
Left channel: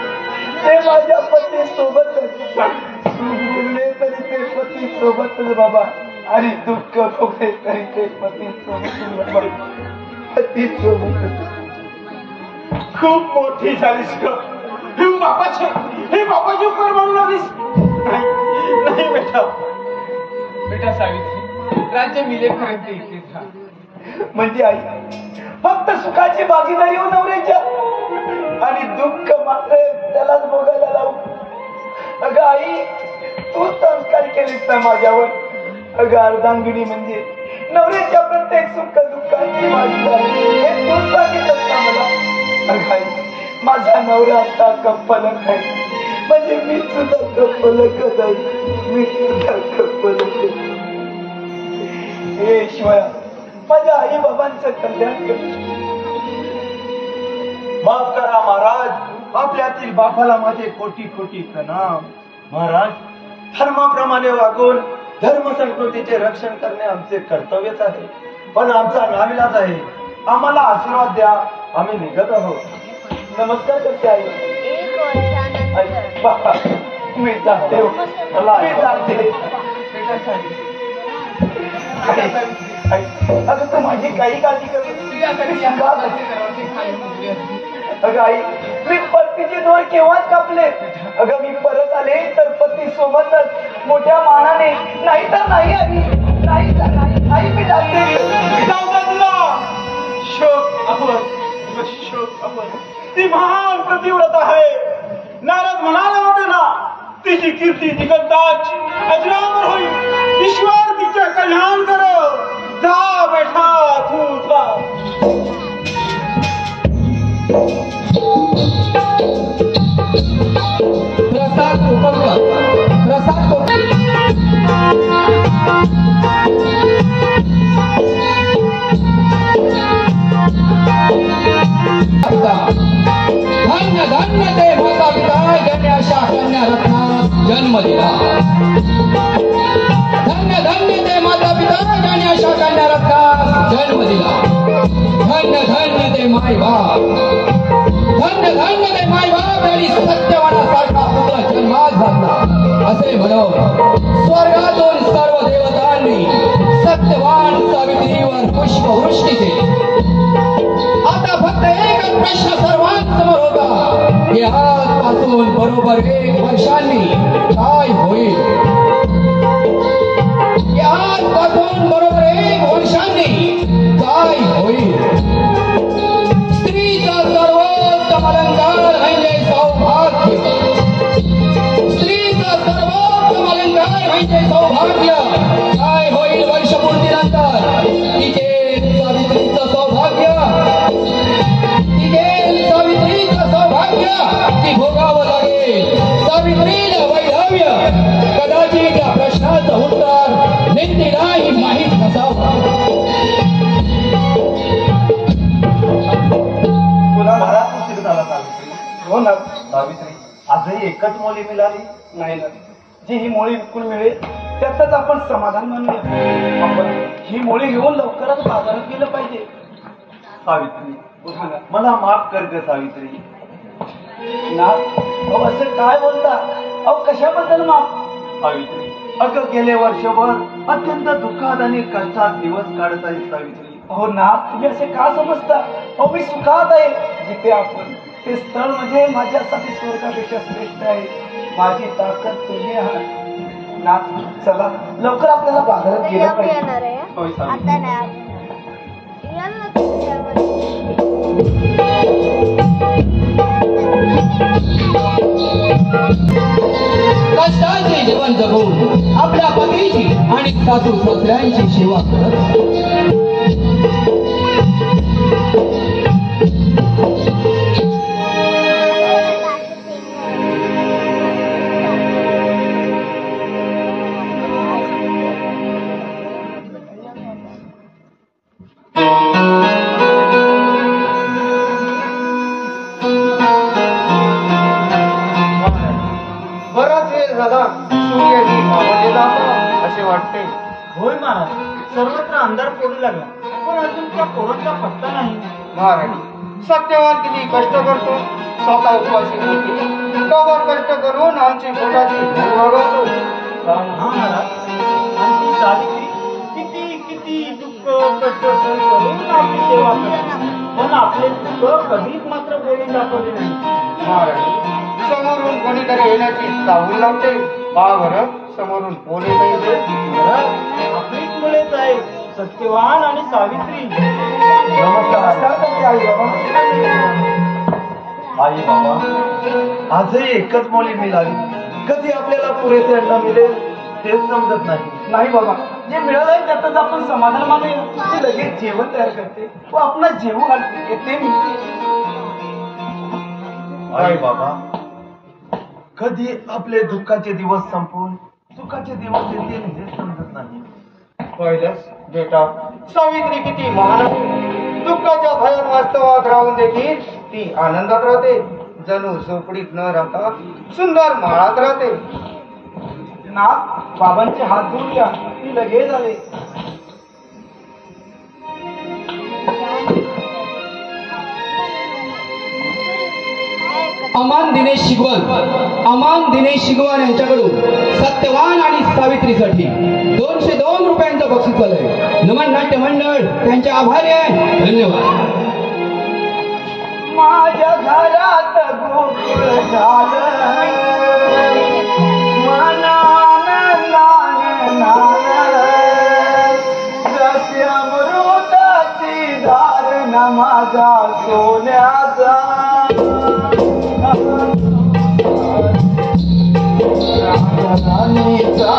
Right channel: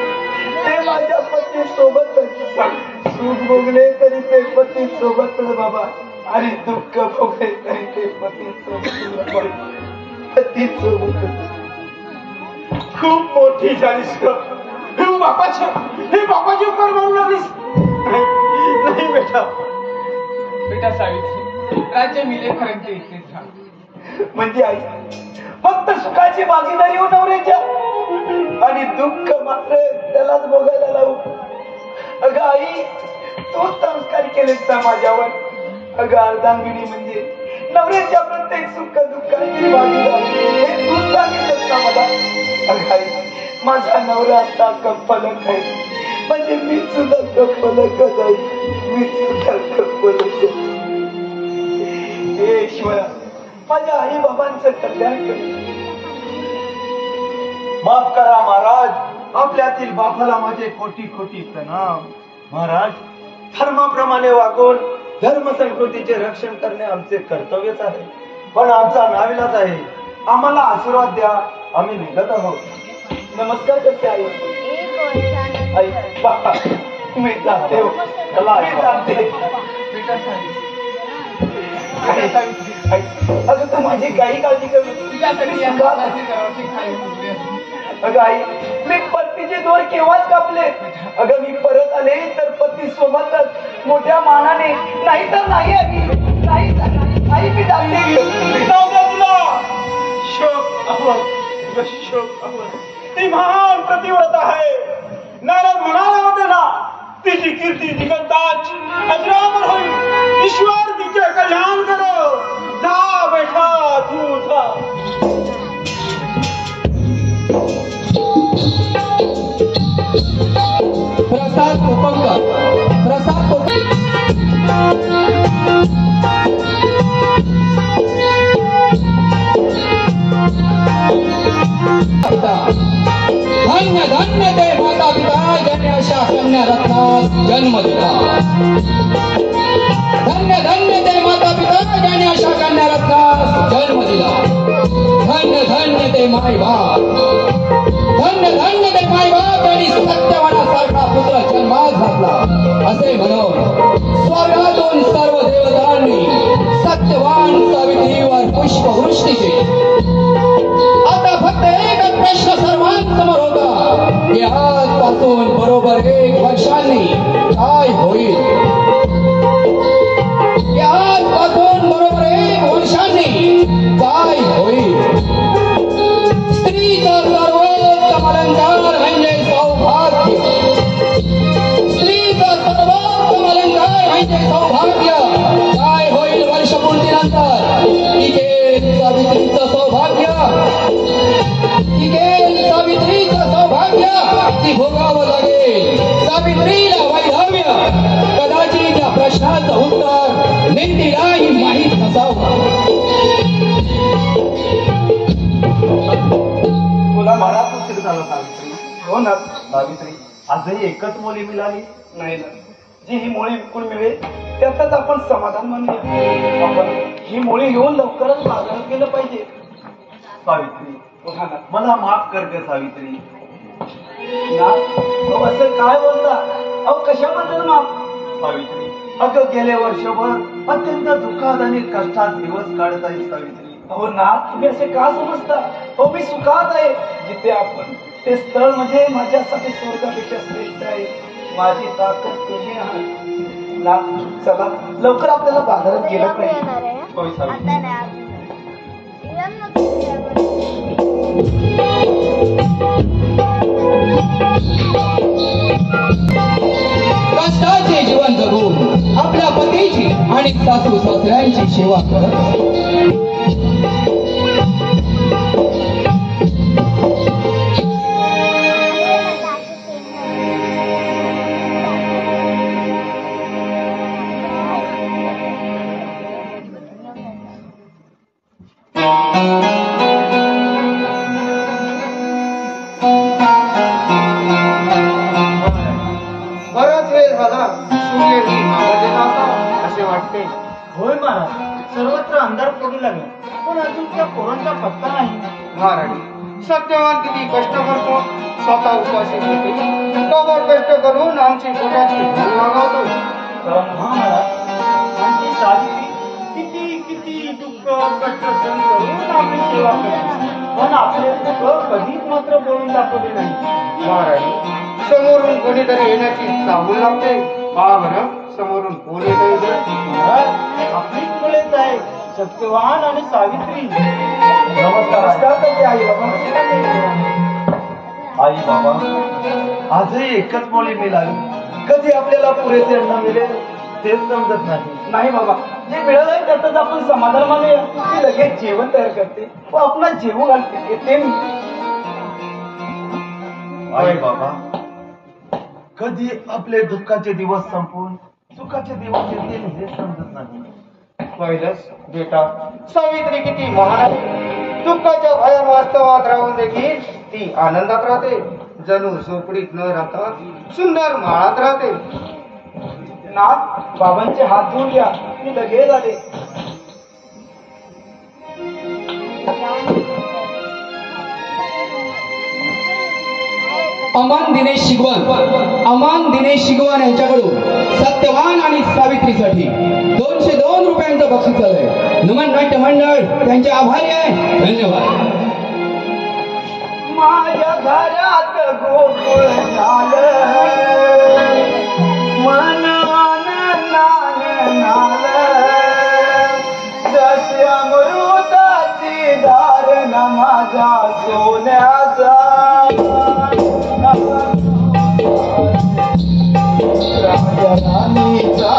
ते माझ्या पती सोबतच. सुख भोगले तरी ते पती सोबत बाबा, आणि दुःख भोगले तरी ते पती सोबत. पती सोबत. खूप मोठी झालीस ग. हे बापाचे उपकार म्हणून लागलीस. नाही बेटा. बेटा सावित्री, राज्य मिळेपर्यंत इथेच राहा. म्हणजे आई फक्त सुखाची भागीदारी हो नवऱ्याच्या, आणि दुःख मात्र त्यालाच भोगायला लावू. अगं आई, तू संस्कार केलेस ना माझ्यावर. अगं अर्धांगिनी म्हणजे नवऱ्याच्या प्रत्येक सुख दुःखाची भागीदारी, हे तू सांगितलंस ना मला. अगं आई, माझा नवरा आता कप्पलक आहे, म्हणजे मी सुद्धा कप्पलकच आहे. मी सुद्धा कप्पलक. हे ईश्वरा, माझ्या आई बाबांचं कल्याण कर. माफ करा महाराज, आपल्यातील बापाला माझे कोटी कोटी प्रणाम. महाराज, धर्माप्रमाणे वागून धर्म संस्कृतीचे रक्षण करणे आमचे कर्तव्यच आहे. पण आमचा नाविलाज आहे. आम्हाला आशीर्वाद द्या, आम्ही निघत आहोत. नमस्कार करते आई. आई बाबा, मी जाते. मी जाते. बेटा सावित्री, अगं तू माझी काही काळजी करू. तुझ्यासाठी या हाताची सर्वाची खाई मुकली असती. अगं आई, पतीचे दोर केव्हाच कापले. अगं मी परत आले तर पती सोबतच मोठ्या मानाने, नाही तर नाही आई, नाही तर नाही आई, मी टाकली. शोक अमर, शोक अमर. ती महान प्रतिव्रता आहे. नारद म्हणाला होते ना, तिची कीर्ती दिगंताची अजरामर होईल. ईश्वर तिचे कल्याण करो. जा बैठा तू जा. प्रसाद उपकर, प्रसाद धन्य धन्य ते माता पिता ज्यांनी अशा कन्या रत्नास जन्म दिला. धन्य धन्य ते माता पिता ज्यांनी अशा कन्या रत्नास जन्म दिला. धन्य धन्य ते माय बाप, धन्य धन्य ते माय बाप यांनी सत्यवानासारखा पुत्र जन्मास घातला. असे म्हणून स्वर्गातून सर्व देवतांनी सत्यवान सावित्रीवर पुष्पवृष्टी केली. आता फक्त एकच प्रश्न सर्वांसमोर होता की आजपासून बरोबर 1 वर्षांनी काय होईल. आजपासून बरोबर 1 वर्षांनी काय होईल. स्त्रीचा सर्वोच्च अलंकार म्हणजे सौभाग्य. स्त्रीचा सर्वोच्च अलंकार म्हणजे सौभाग्य. काय होईल वर्षपूर्तीनंतर. टिकेल सावित्रीचं सौभाग्य, टिकेल सावित्रीचं सौभाग्य ती भोगावं लागेल. सावित्रीला वैधव्य. कदाचित या प्रश्नाचं उत्तर नीतीलाही माहीत नसावं. बराच उशीर झाला सावित्री. हो ना सावित्री, आजही एकच मुली मिळाली. नाही ना, जी ही मुळी विकून मिळेल त्यातच आपण समाधान मानूया. आपण ही मुळी घेऊन लवकरच बाजारात गेलं पाहिजे. सावित्री, उठा ना. मला माफ कर ग सावित्री. ना अहो, असं काय बोलता. अहो कशाबद्दल माफ. सावित्री, अगं गेले वर्षभर अत्यंत दुःखात आणि कष्टात दिवस काढत आहे सावित्री. हो ना, तुम्ही असे का समजता. हो मी सुखात आहे जिथे आपण. ते स्थळ म्हणजे माझ्यासाठी स्वर्गापेक्षा श्रेष्ठ आहे. माझी ताकद तुम्ही आहात ना. चला लवकर आपल्याला बाजारात गेलं पाहिजे. होय सावित्री. कष्टाचे जीवन जगून आपल्या पतीची आणि सासू सासऱ्यांची सेवा करत बराच वेळ झाला सूर्यही मावळलेला असावा असे वाटते. होय महाराज, सर्वत्र अंधार पडू लागला, पण अजून त्या पोरांचा पत्ता नाही. महाराज, सत्यवान किती कष्ट करतो. स्वतः उपाशी होते, तोवर कष्ट करून आमची पोटाची भूक भागवतो. हा महाराज, आणि ती सावित्री किती किती दुःख कष्ट सहन करून आपली सेवा करते, पण आपले दुःख कधीच मात्र बोलून दाखवले नाही. महाराज, समोरून कोणीतरी येण्याची चाहूल लागते. पहा बरं, समोरून कोण येत आहे. महाराज, आपलीच मुलेच आहे, सत्यवान आणि सावित्री. नमस्कार करते आई बाबा. आई बाबा, आजही एकच मुली मिळाली. कधी आपल्याला पुरेसे अन्न मिळेल तेच समजत नाही. नाही बाबा, जे मिळालं आहे त्यातच आपण समाधान मानूया. ते लगेच जेवण तयार करते व आपला जेवू घालते. येते मी. आई बाबा, कधी आपले दुःखाचे दिवस संपून सुखाचे दिवस येतील हे समजत नाही. पहिलंच बेटा, सावित्री किती महान. दुःखाच्या भयान वास्तवात राहून देखील ती आनंदात राहते. जणू झोपडीत न राहता सुंदर माळात राहते. ना बाबांचे हात धुवून घ्या, मी लगेच आले. अमान दिनेश शिगवान यांच्याकडून सत्यवान आणि सावित्रीसाठी 202 रुपयांचं बक्षीस संचालक नमन नाट्य मंडळ त्यांचे आभारी आहे. धन्यवाद. माझ्या घरात गोकुळ झालं मनानंदाने नालं जशी अमृताची धारण माझ्या सोन्याचा राजराणीचा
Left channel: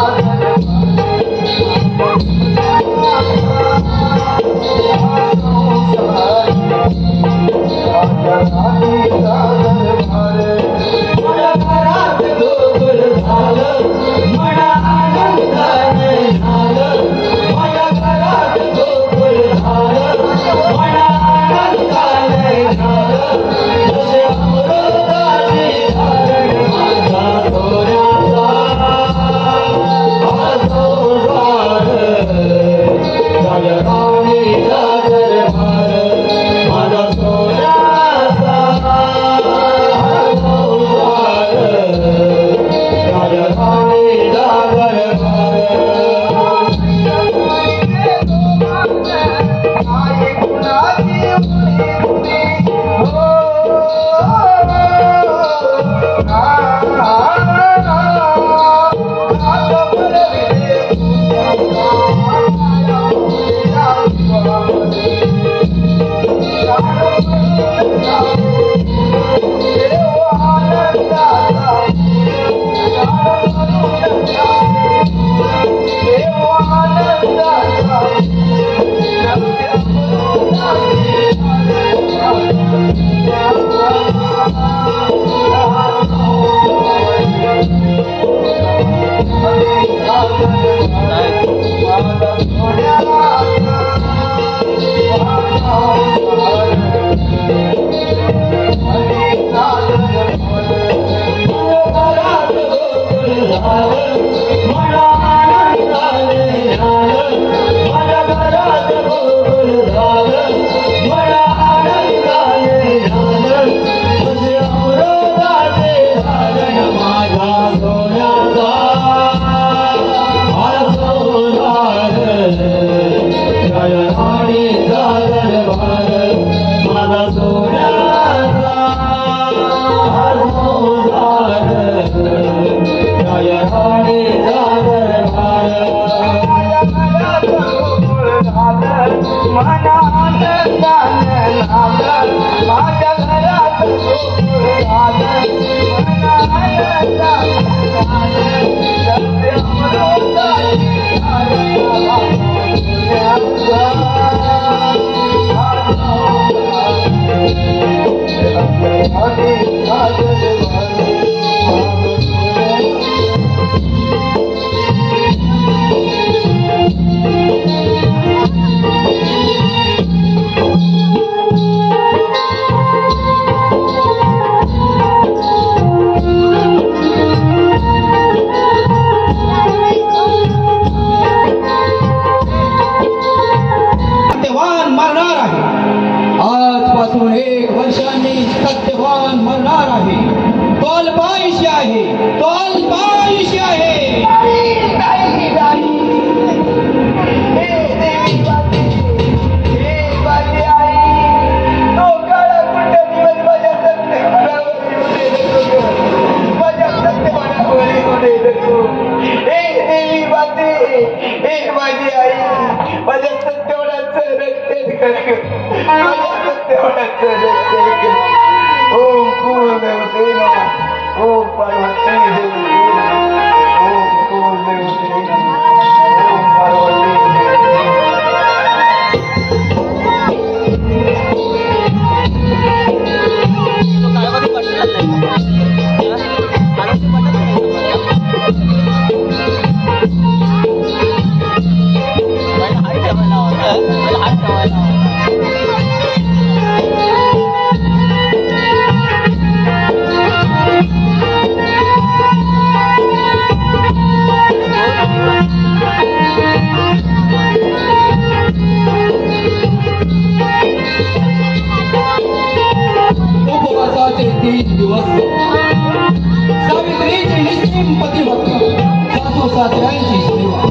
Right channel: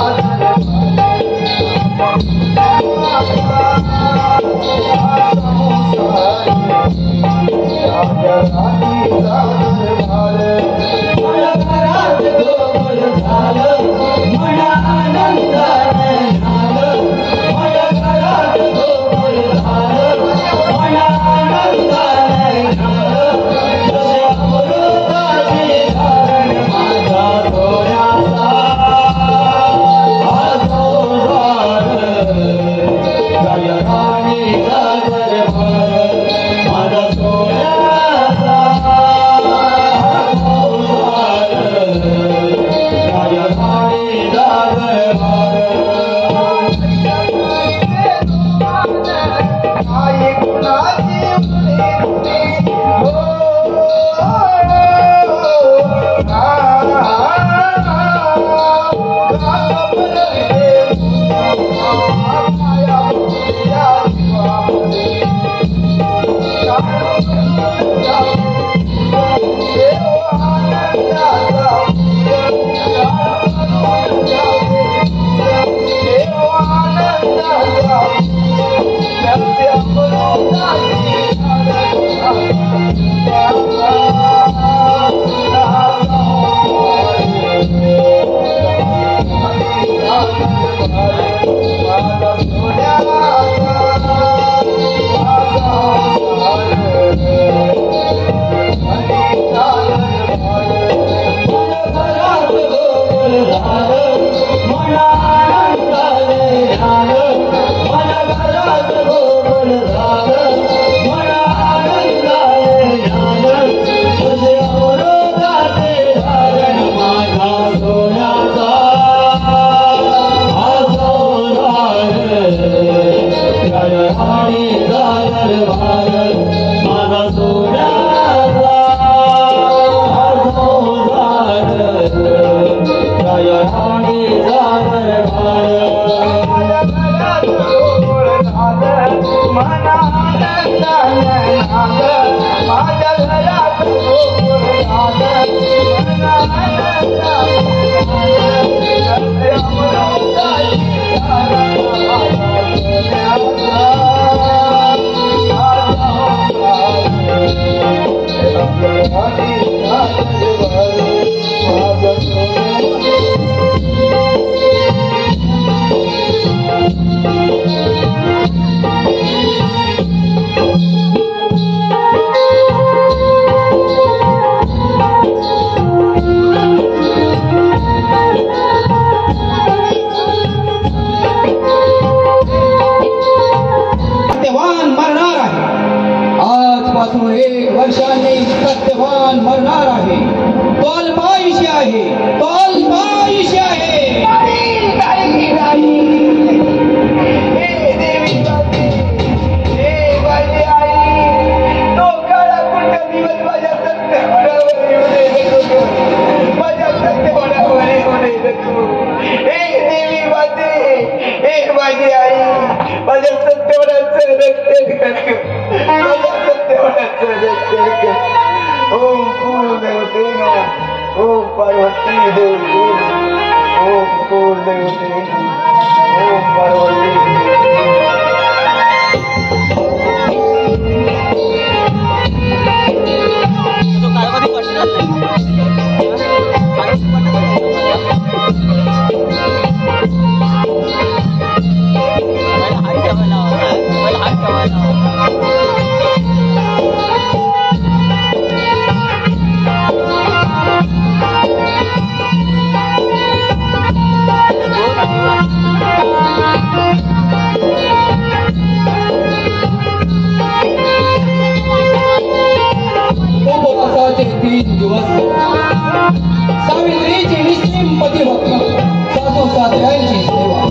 सावित्रीची निश्चिम पतिव्रता सासू सासऱ्यांची सेवा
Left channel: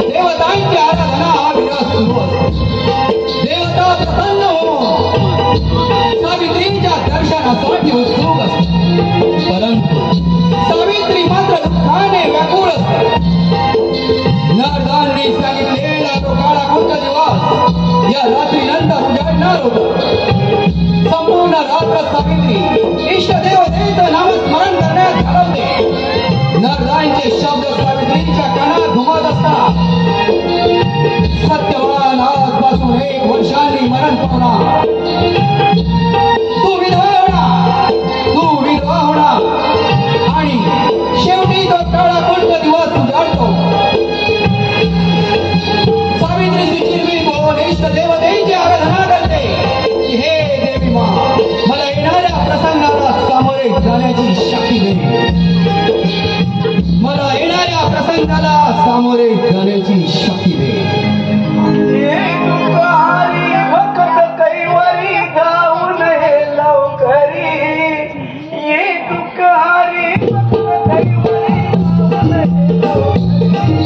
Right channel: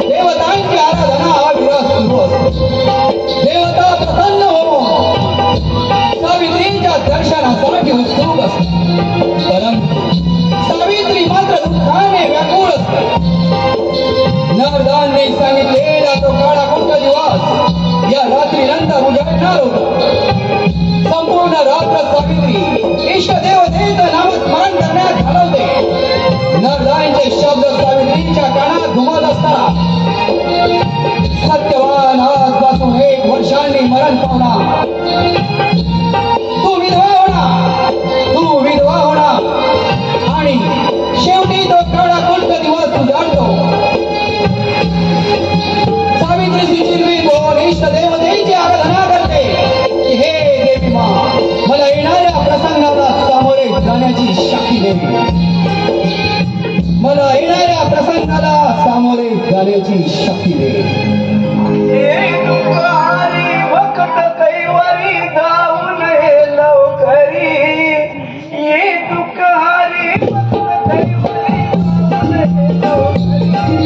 देवतांची आराधना तू विधवा होणार आणि शेवटी तो काळा कोणता दिवस उजाडतो. सावित्री सुचिरवी भुवनेश्व देवतेची आराधना करते की हे देवी मा, मला येणाऱ्या प्रसंगाला सामोरे जाण्याची शक्ती दे. मला येणाऱ्या प्रसंगाला सामोरे जाण्याची शक्ती दे. भक्त कैवारी जाऊन हे लवकरी, ये दुःखहारी भक्त कैवारी जाऊन हे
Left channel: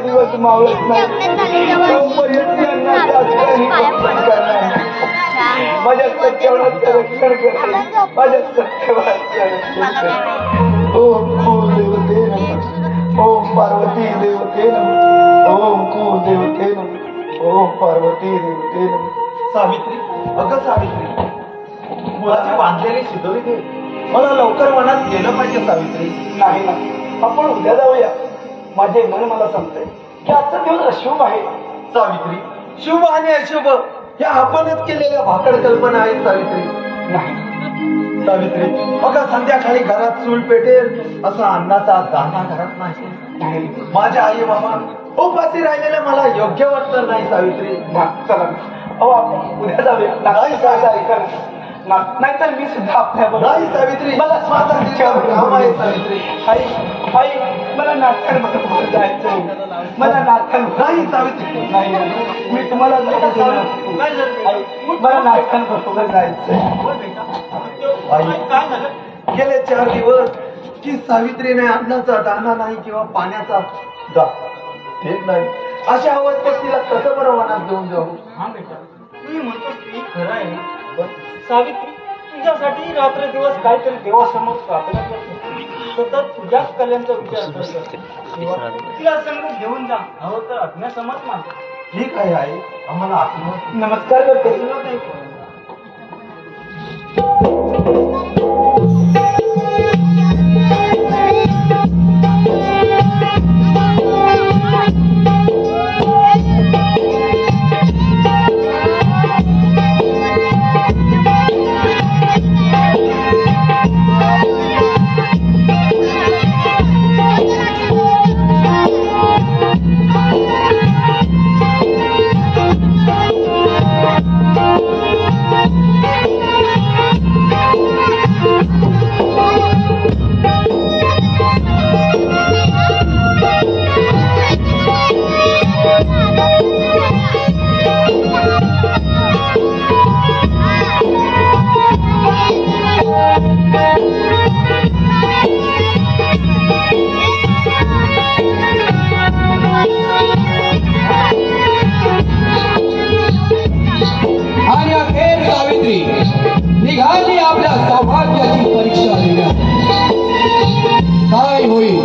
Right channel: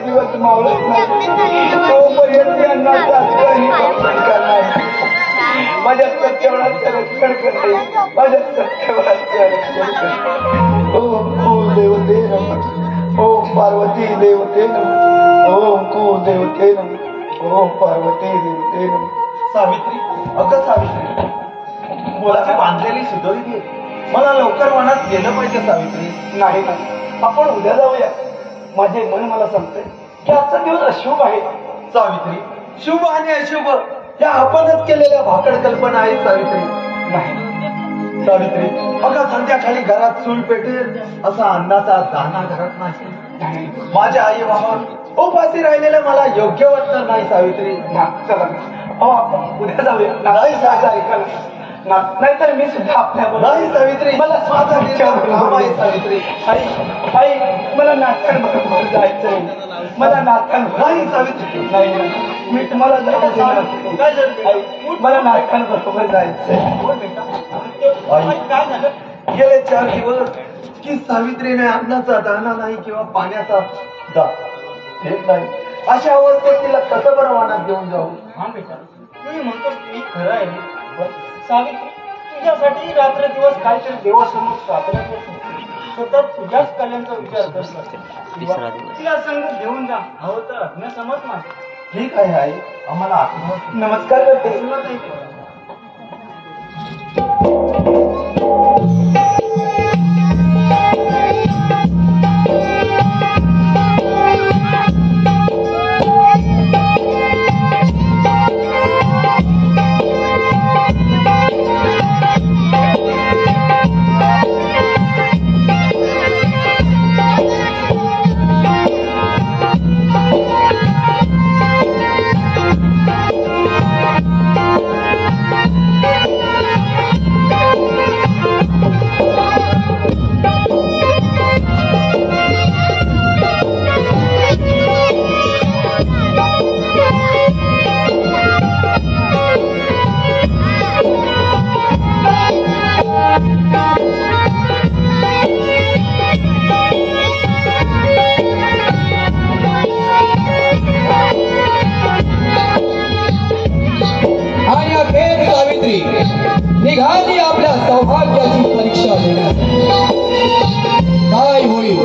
दिवस मावळत नाही तोपर्यंत यांना माझ्या सत्यवानाचं रक्षण करते, माझ्या सत्यवानाचं रक्षण करते. ओम कुलदेवते नमः, ओम पार्वती देवते नमः, ओम कुलदेवते नमः, ओम पार्वती देवते नमः. सावित्री, अगं सावित्री, मुलाची बांधलेली शिदोरी घे. मला लवकर मनात गेलं पाहिजे सावित्री. नाही ना, आपण उद्या जाऊया. माझे मन मला सांगतंय की आजचा दिवस अशुभ आहे. सावित्री, शुभ आणि अशुभ या आपणच केलेल्या भाकड कल्पना आहेत सावित्री. नाही सावित्री, बघा संध्याकाळी घरात चूल पेटेल असा अन्नाचा दाना घरात नाही. माझ्या आई बाबा उपाशी राहिलेलं मला योग्य वाटत नाही सावित्री. चला अहो आपण उद्या जाऊया. नाही सावित्री, नाहीतर मी सुद्धा आपल्याबरोबर. नाही सावित्री, मला माझा काम आहे सावित्री. आई मला नाथांबरोबर जायचंय. मला नाथांबरोबर. नाही सावित्री, नाही मी तुम्हाला काय झालं? मला नाथांबरोबर जायचंय. काय झालं? गेले 4 दिवस की सावित्रीने अन्नाचा दाना नाही किंवा पाण्याचा देत नाही. अशा अवस्थेत तिला कसं बरं मनात घेऊन जाऊ? हा बेटा, मी म्हणतो ते खरं आहे. सावित्री, तुझ्यासाठी रात्र दिवस काहीतरी देवासमोर प्रार्थना करते. सतत तुझ्याच कल्याणचा विचार करत तिला संग घेऊन जा. हवं तर अज्ञासमज नाही. ठीक आहे आई, आम्हाला आशीर्वाद. नमस्कार करते. आशीर्वाद आहे. निघाली आपल्या सौभाग्याची परीक्षा घेण्यास. काय होईल?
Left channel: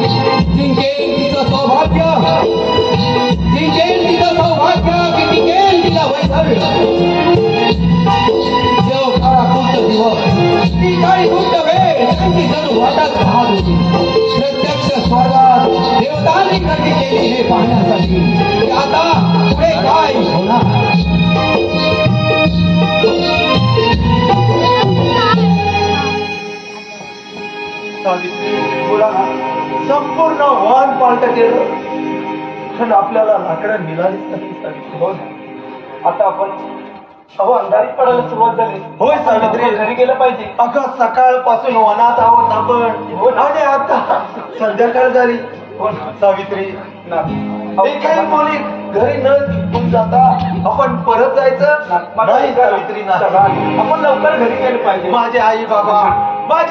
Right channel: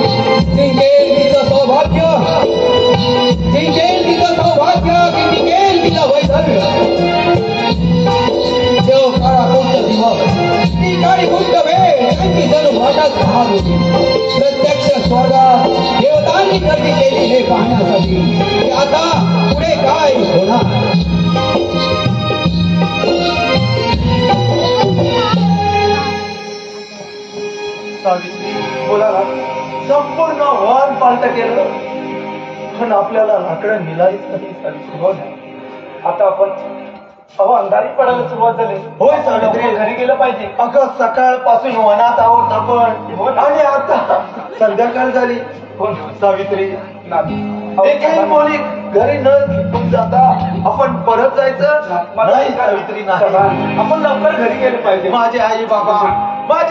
जिंकेल तिचं सौभाग्य, जिंकेल तिचं सौभाग्य की टिकेल तिला वैधव्य. देव काळा कोणतं दिवस, ती काळी कोणतं वेळ, त्यांची जणू वाटच भाग होती. प्रत्यक्ष स्वर्गात देवतांनी गर्दी केली हे पाहण्यासाठी की आता पुढे काय होणार. सावित्री बोला ना, संपूर्ण वाहन पालट केलं पण आपल्याला लाकडं मिळालीच नाही सावित्री. हो ना. आता आपण अंधारी पडायला सुरुवात झाली. होय सावित्री, घरी गेलं पाहिजे. अगं सकाळपासून वनात आहोत आपण आणि आता संध्याकाळ झाली. हो ना. सावित्री, नाही. एकही मुली घरी न चुकून जाता आपण परत जायचं नाही सावित्री. नाही, आपण लवकर घरी गेलं पाहिजे. माझे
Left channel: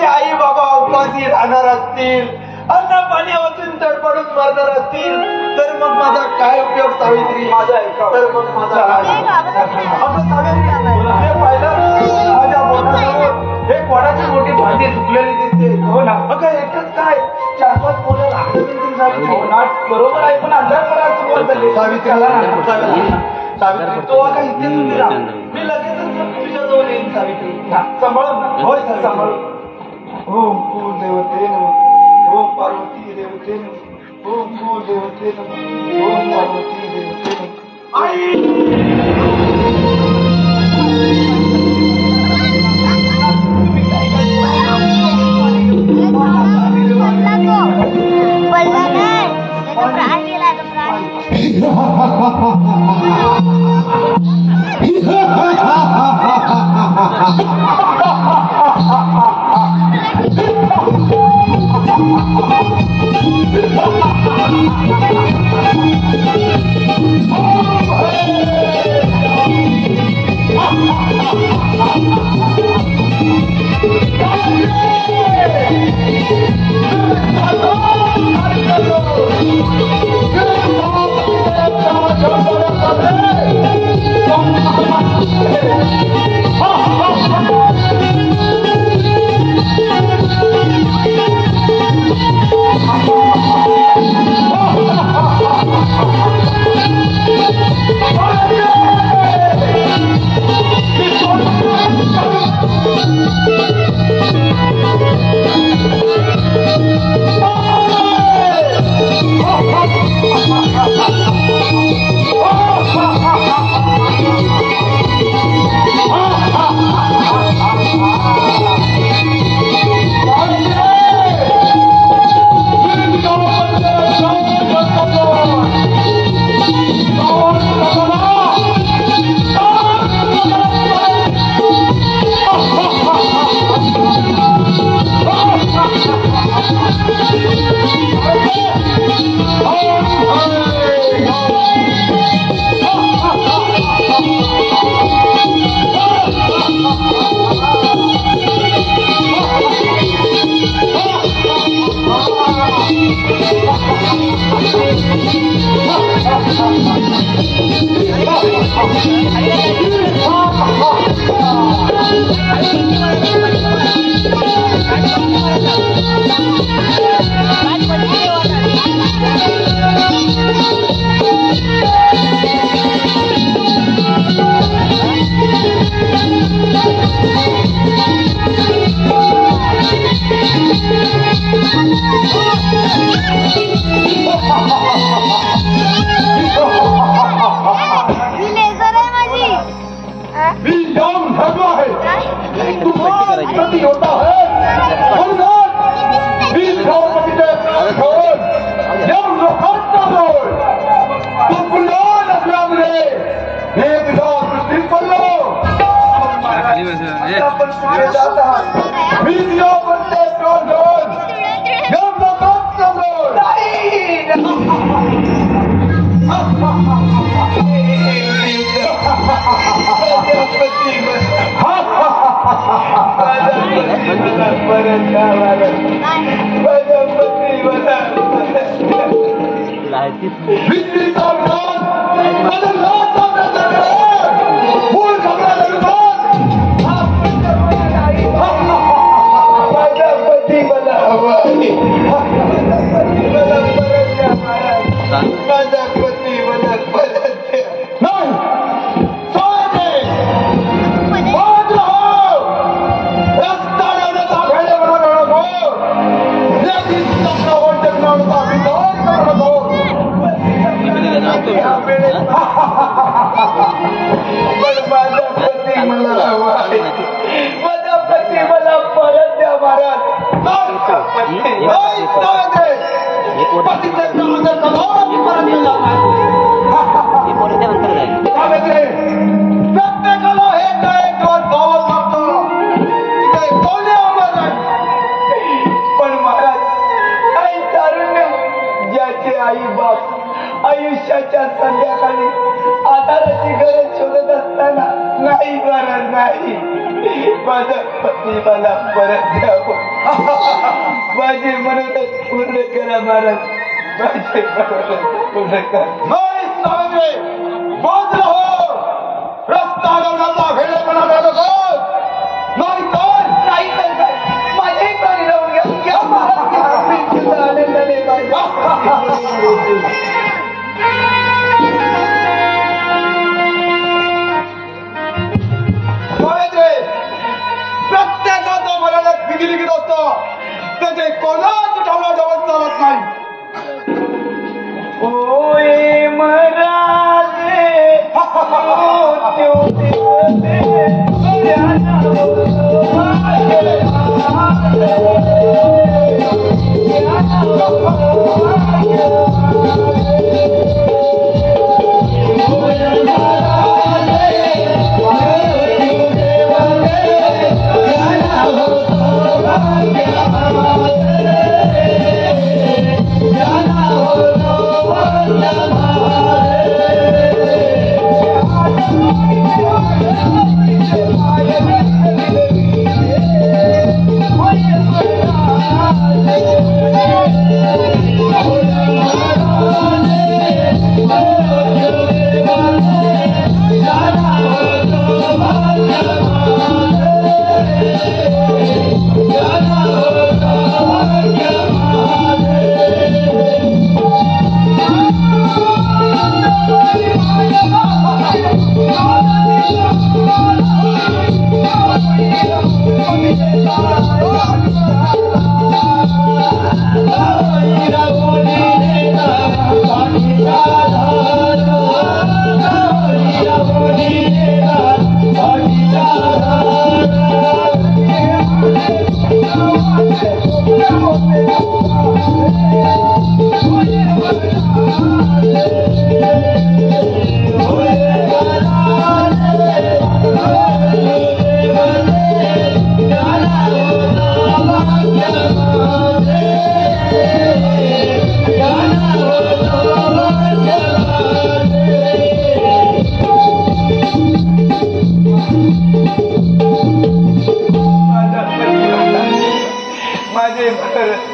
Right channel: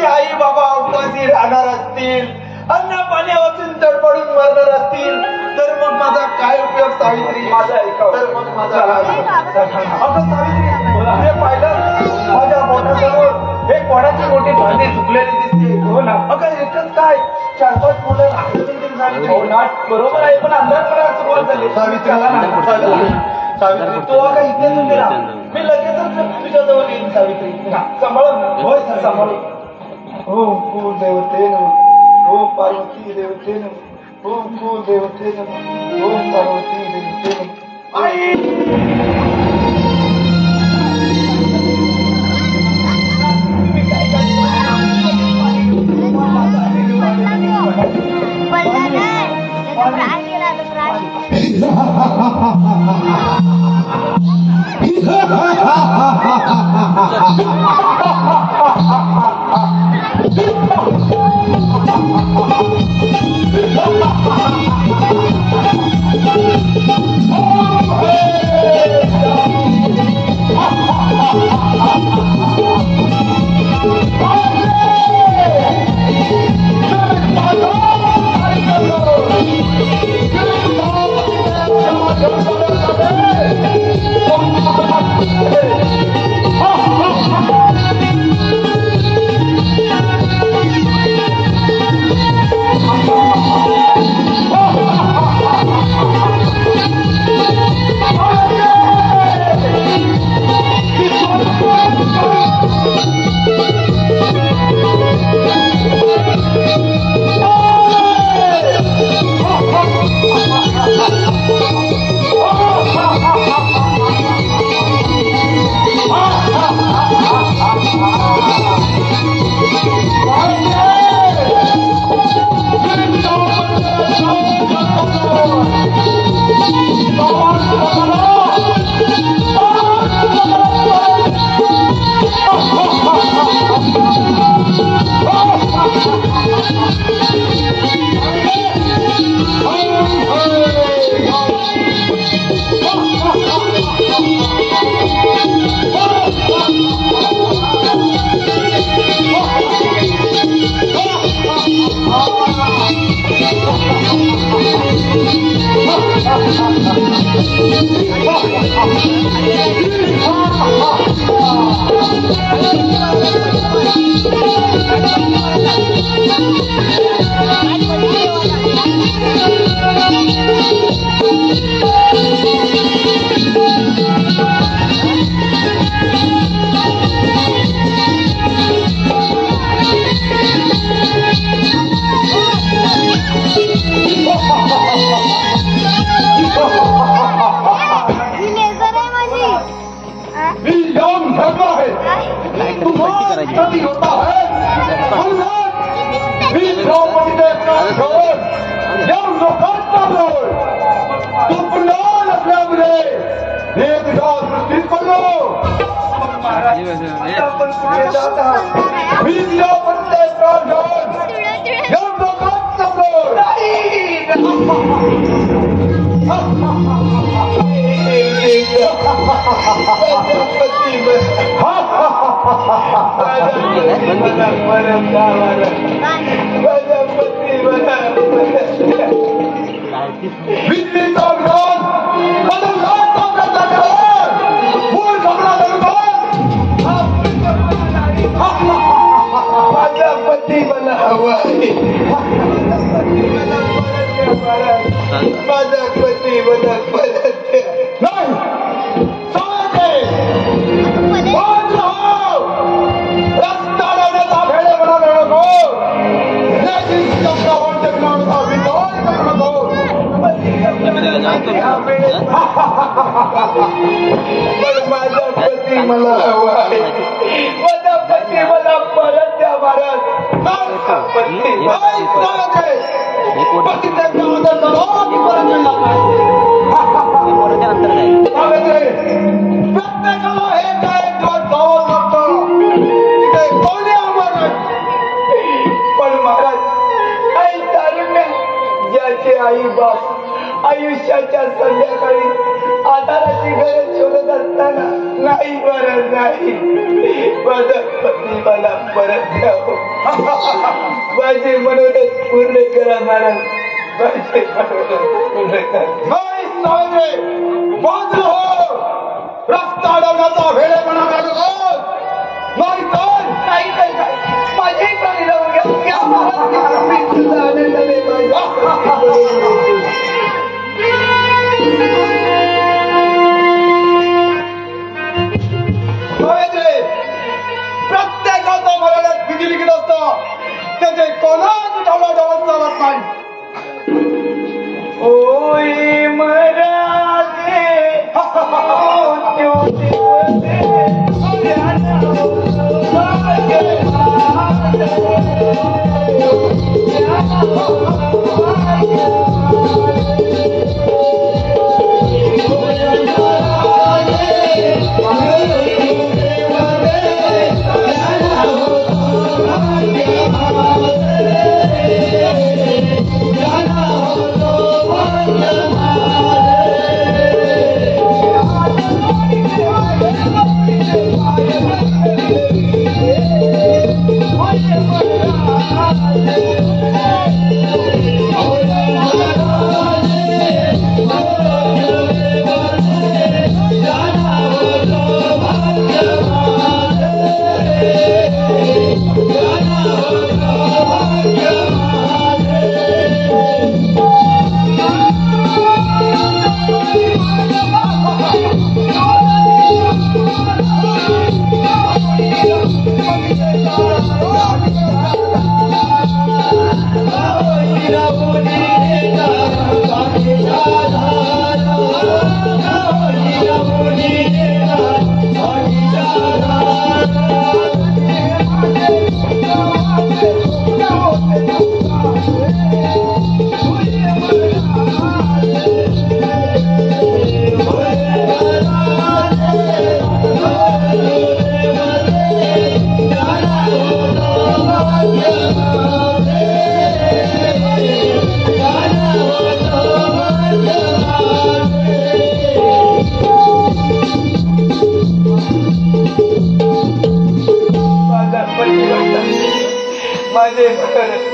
आई बाबा उपाशी राहणार असतील, अन्न पाणी वाचून तडपडून मरणार असतील तर मग माझा काय उपयोग सावित्री. माझं ऐकावं. तर मग माझा काय? अगं सावित्री, हे पाहिलं माझ्या बोटाजवळ एक वडाची मोठी भांडी सुकलेली दिसते. हो ना. अगं एकच काय 4-5 मुलं लागत येतील सावित्री. हो ना. बरोबर आहे, पण अंधार पडायला सुरुवात झाली. सावित्री, सावित्री तू अगं इथेच उभी राहा. मी लगेचच तुझ्याजवळ येईन सावित्री. सांभाळून ना. होय सांभाळून. ओम कुल देवते नमः, ओम पार्वती देवते नमः, ओम कुल देवते नमः, ओम पार्वती देवते नमः. आई मला परत द्या महाराज. प्रत्येकाला हे काय दिवस जावं लागतं तिथे कोणी आम्हाला पण महाराज आई तारुण्य ज्याचे आई बाप आयुष्याच्या संध्याकाळी आधाराची गरज शोधत असताना नाही महाराज नाही माझा पत्नी मला परत द्यावं माझे मनोरथ पूर्ण करा महाराज माझे मनोरथ पूर्ण करा बाजूला हो रस्ता अडवण्याचा वेळेपणा काढत नाही तर नाही तर काय माझी गाडी लावून घ्या आनंदाने प्रत्येकाचा मर्यादात विधी लिखित असतं त्याचे कोणाची ढवळाढवळ चालत नाही होय मराठे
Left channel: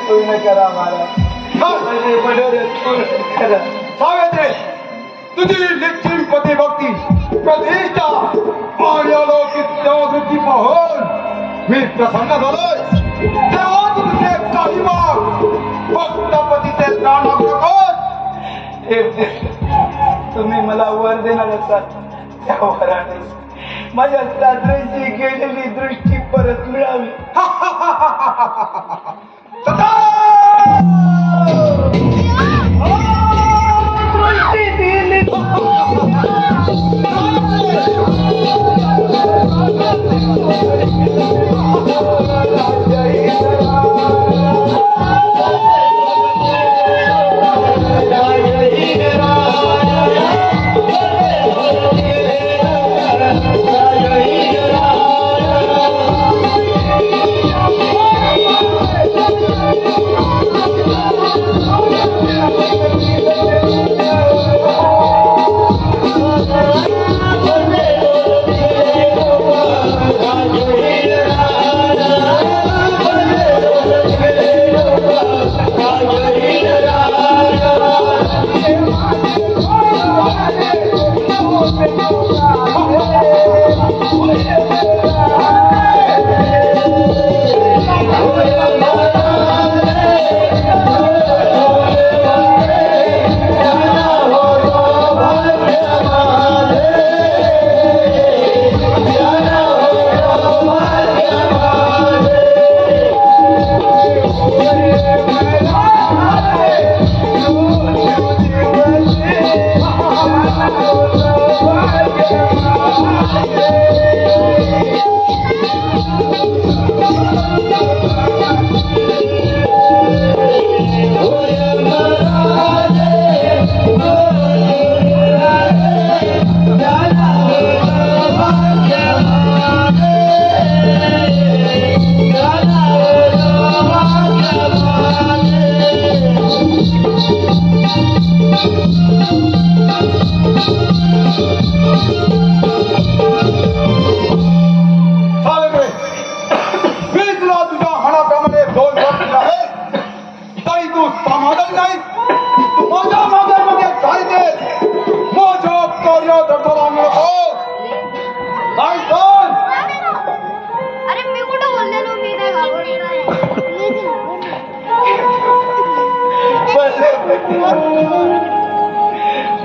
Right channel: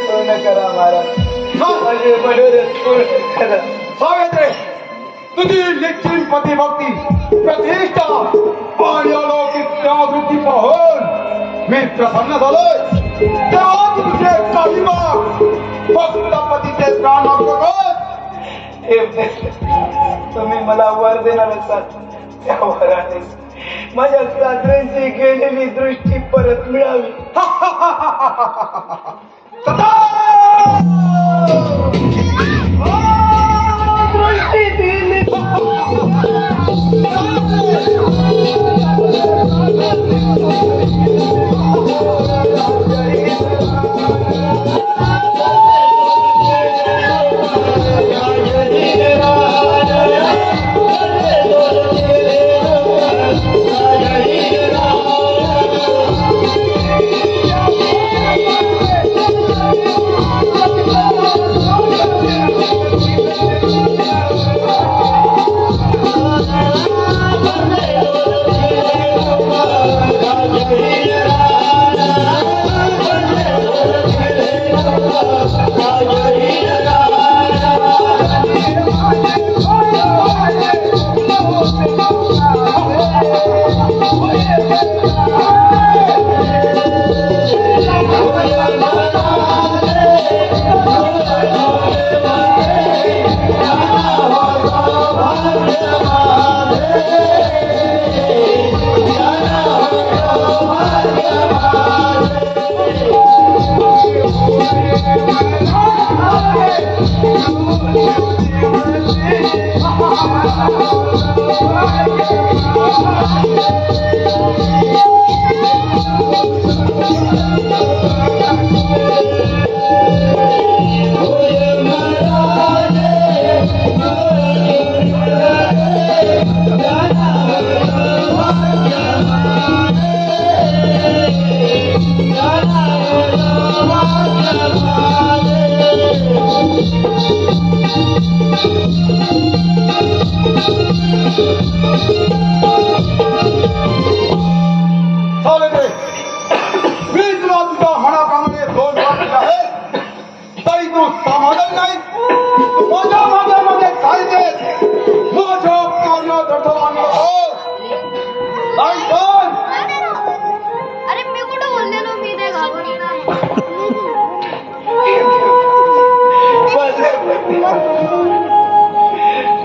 पूर्ण करा महाराज माझे मनोरथ पूर्ण करा सावित्री तुझी निश्चित पतिभक्ती प्रतिष्ठा आणि अलौकिक त्यागृती पाहून मी प्रसन्न झालोय तेव्हा तुझे काही माग फक्त पतीचे प्राण मागू नकोस तुम्ही मला वर देणार असाल त्या वराने माझ्या सासऱ्यांची गेलेली दृष्टी परत मिळावी दृष्टी दिली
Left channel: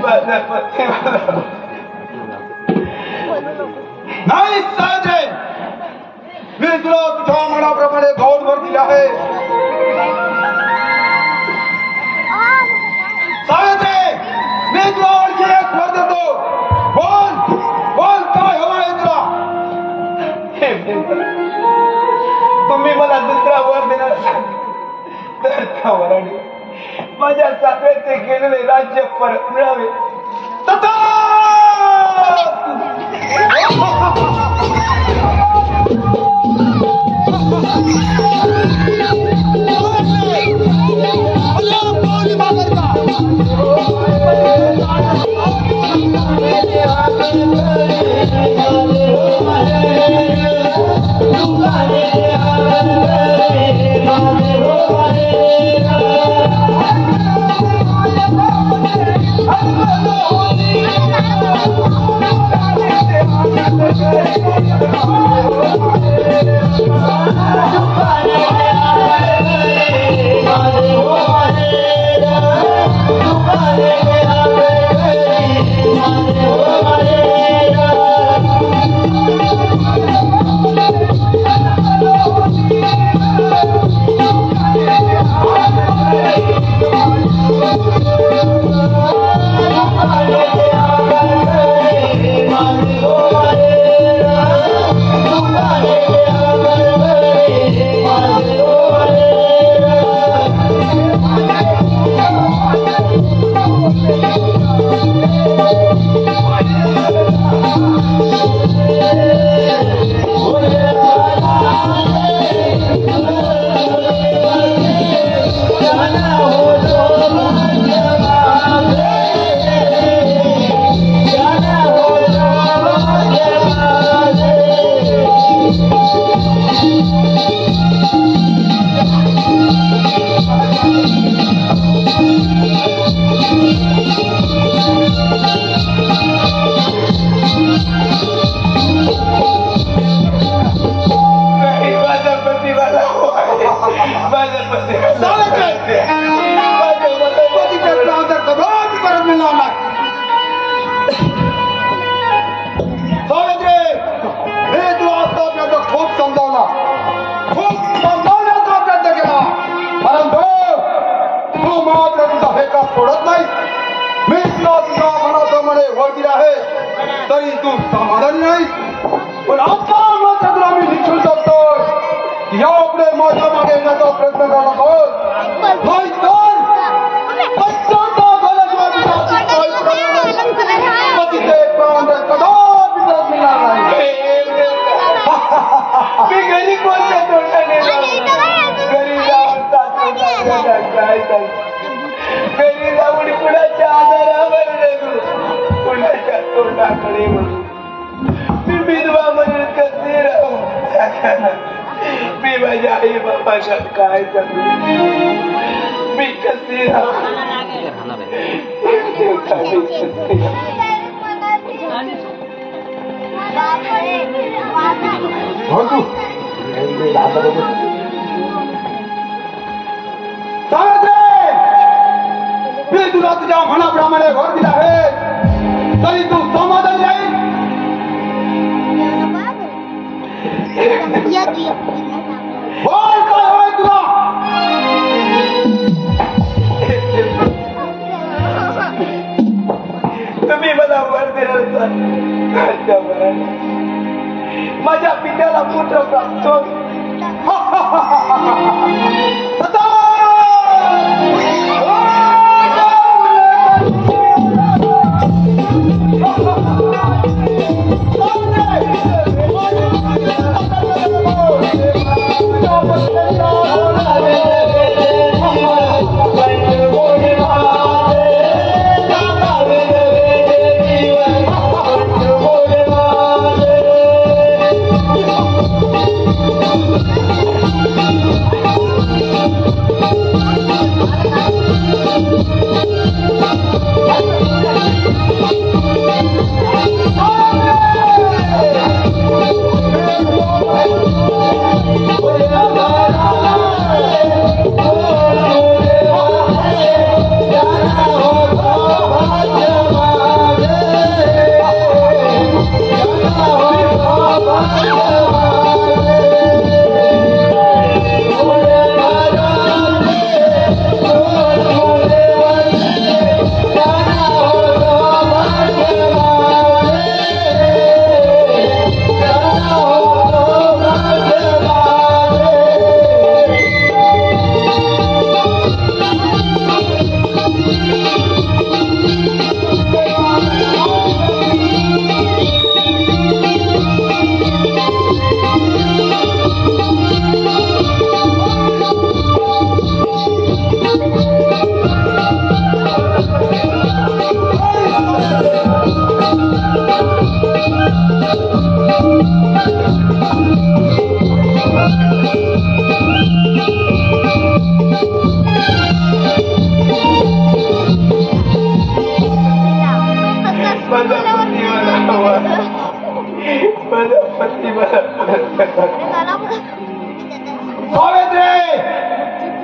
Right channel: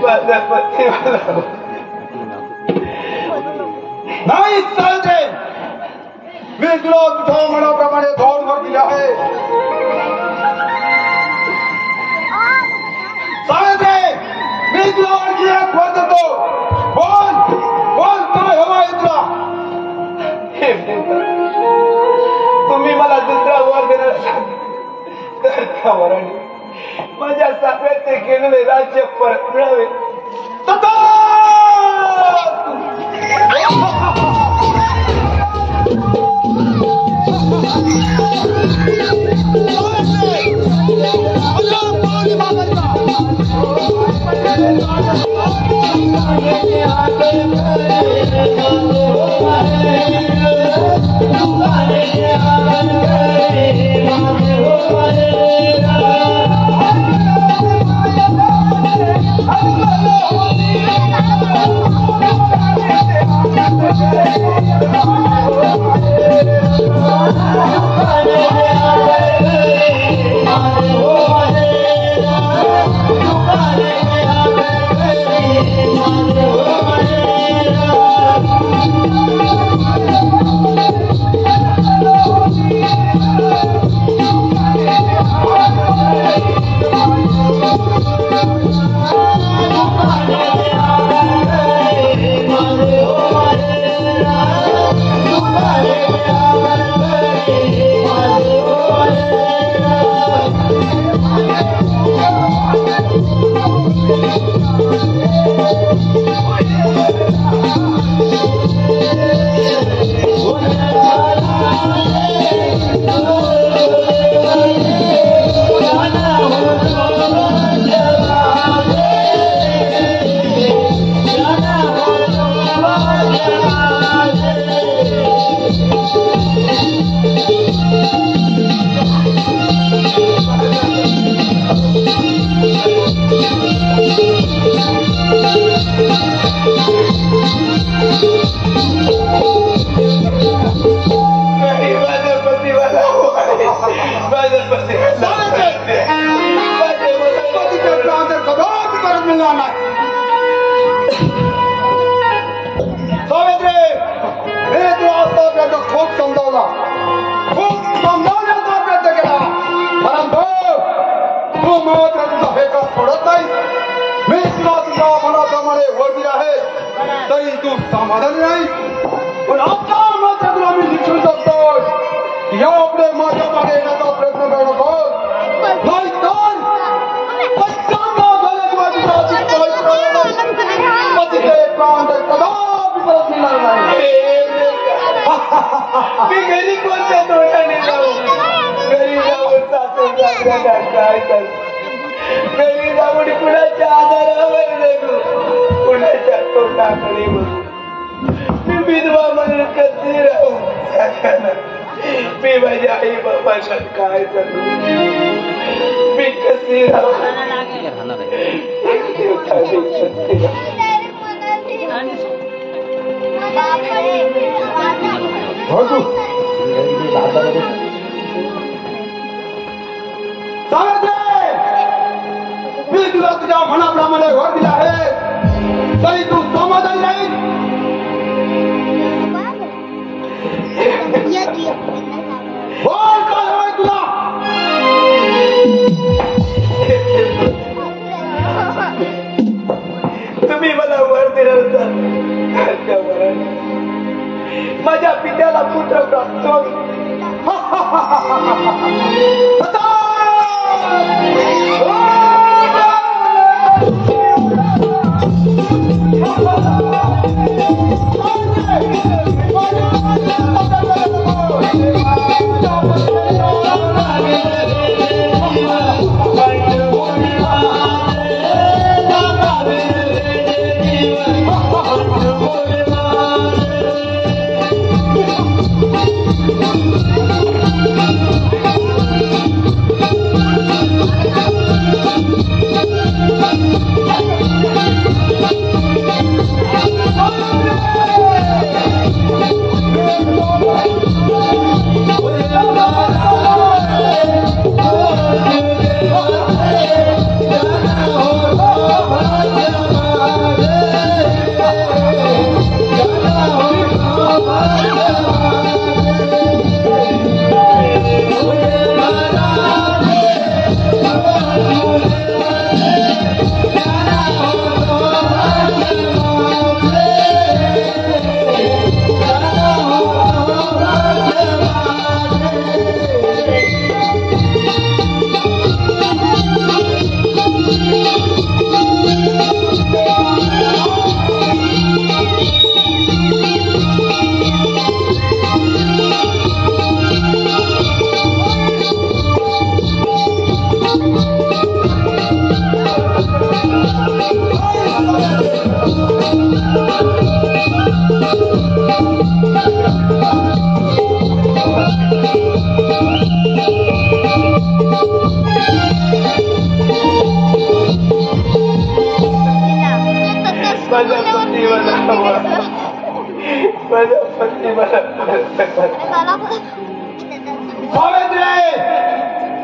माझा पती नाही चालते. मी तुला तुझ्या मनाप्रमाणे धोरवर दिले आहे. चालते. मी तुला आणखी एक वर देतो. बोल बोल काय हवं आहे तुला? हे तुम्ही मला दुसरा वर देणार असाल तर त्या वराने माझ्या साखरेचे केलेले राज्य परत मिळावे. खूप समजावला, खूप समजावण्याचा प्रयत्न केला, परंतु तू मात्र तुझा हेका सोडत नाही. मी तुला तुझ्या मनाप्रमाणे वर दिला आहे तरी तू समाधानी नाही. पण आता मात्र तुला मी शिक्षण करतो की यापुढे माझ्या मागे येण्याचा प्रयत्न करू नकोस. नाही तर पश्चाताप झाल्याशिवाय तुझ्या पतीचे प्राण कदापि परत मिळणार नाही. मी घरी कोणत्या तोंडाने जाऊ? घरी जाऊन काय करतो? घरी जाऊन कुणाच्या आधारावर जगू, कुणाच्या तोंडाकडे बघू. मी विधवा म्हणून कशी राहू? मी माझ्या आई बाबाला काय सांगू? मी कशी राहू? मी तुला तुझ्या मनाप्रमाणे घर दिला आहे तरी तू समाधान नाही. बोल काय हवंय तुला? तुम्ही मला वर दिलं माझ्या पित्याला पुत्र प्राप्त होईल.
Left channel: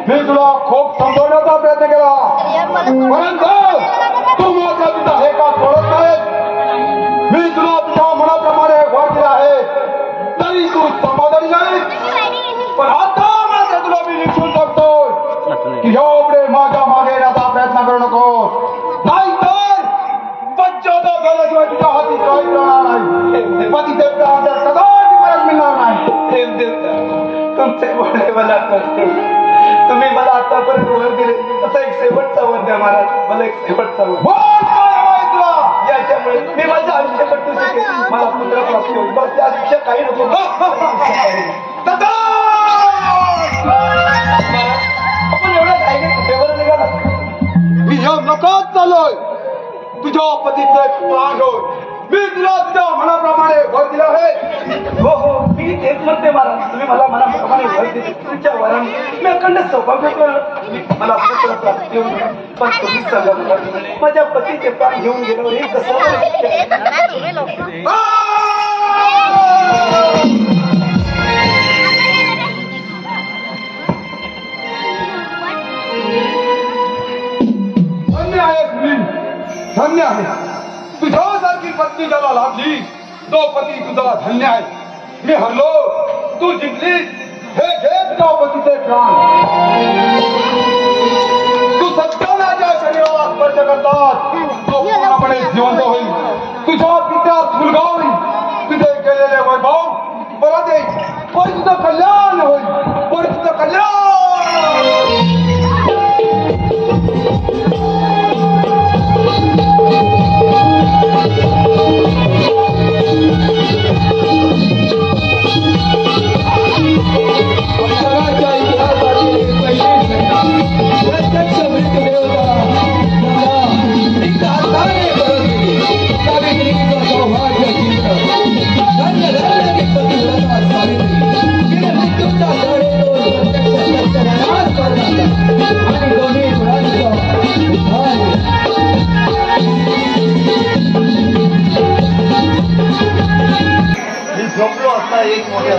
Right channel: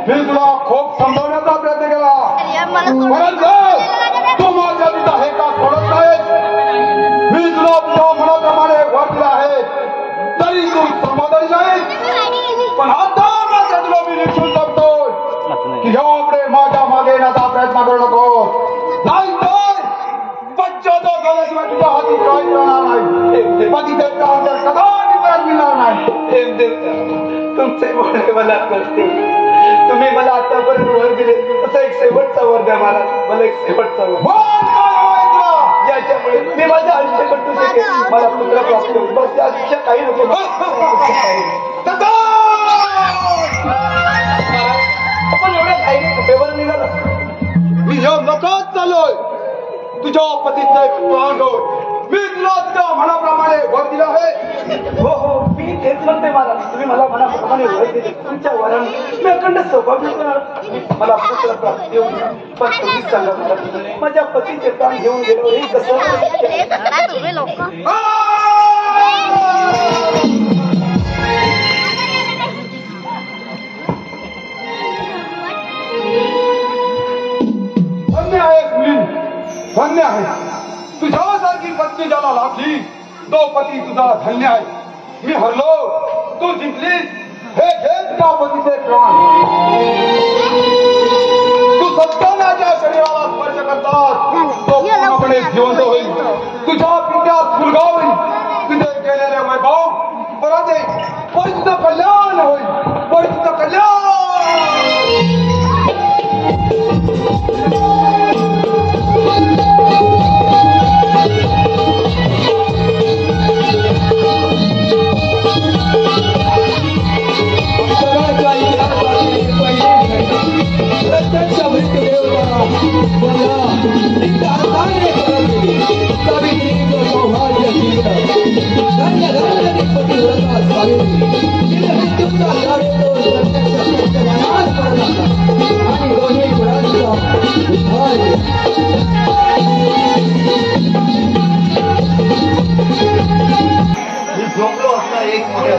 मी तुला खूप समजवण्याचा प्रयत्न केला परंतु तू माझ्या पिता हे का सोडत नाही. मी तुला तुझ्या मनाप्रमाणे वर दिला आहे तरी तू समाधानी नाही. पण आता मात्र तुला मी निघून जातोय की यापुढे माझ्या मागे येण्याचा प्रयत्न करू नको. नाही तर पश्चाताप झाल्याशिवाय तुझ्या हाती काही मिळणार नाही. पती देवता कदापि परत मिळणार नाही. तुमचे बोलणे मला कळते. तुम्ही मला आतापर्यंत वर दिले तसं एक शेवटचा वर द्या महाराज. मला एक शेवटचा वर ज्याच्यामुळे मी माझ्या आयुष्य कटू शकेल. मला पुत्र प्राप्ती होईल. बस त्या आयुष्य काही नको. आपण एवढ्या काही पेपर निघाला. मी ह्या नकात चालोय तुझ्या पतीचं एक प्राण होय. मी तुला तुझ्या मनाप्रमाणे वर दिला आहे. हो हो मी तेच म्हणते महाराज. तुम्ही मला मनाप्रमाणे वर दिले. तुमच्या वराने मी अखंड सौभाग्य मला पुत्र प्राप्ती होईल. पण तुम्हीच सांगा मला माझ्या पतीचे प्राण घेऊन गेलो हे कसं धन्य आहे मुली, धन्य आहे. तुझ्यासारखी पत्नी ज्याला लाभली तो पती तुझा धन्य आहे. मी हरलो तू जिंकलीस. हे घे तुझ्या पतीचे प्राण. तू सत्यानाच्या शरीराला स्पर्श करतात तो पूर्णपणे जिवंत होईल. तुझ्या पित्यात मुलगा होईल. तुझे केलेले वैभव परत येईल. पण तुझं कल्याण होईल. पण तुझं कल्याण. प्रत्यक्ष मृत्यूदेवता सावित्रीचं सौभाग्य जिंकलं. धन्य धन्य पतिव्रता सावित्री मृत्यूच्या लढेतून प्रत्यक्ष सत्यवानात पडला आणि दोन्ही गुणांचा उद्धार केला. मी झोपलो असता एक मोठ्या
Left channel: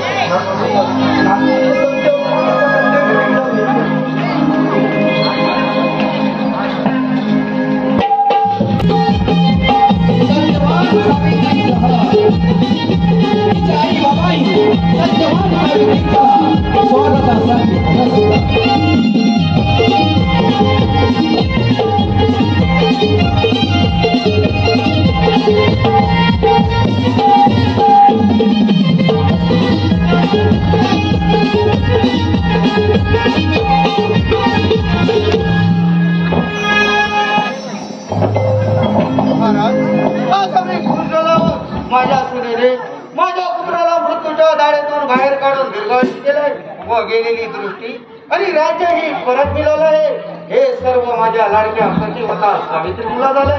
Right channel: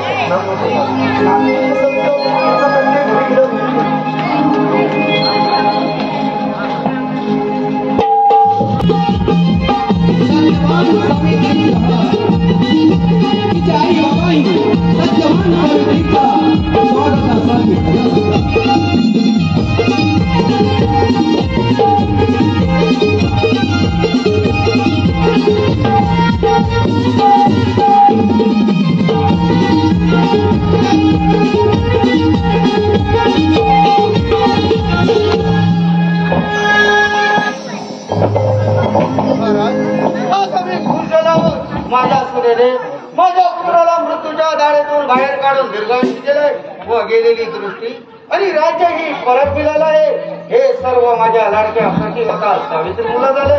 माझ्या सुरेने माझ्या पुत्राला मृत्यूच्या दाढेतून बाहेर काढून दीर्घायुष्य केलंय व गेलेली दृष्टी आणि राज्य ही परत मिळालं आहे. हे सर्व माझ्या लाडक्या सचिवता सावित्री मुला झाले.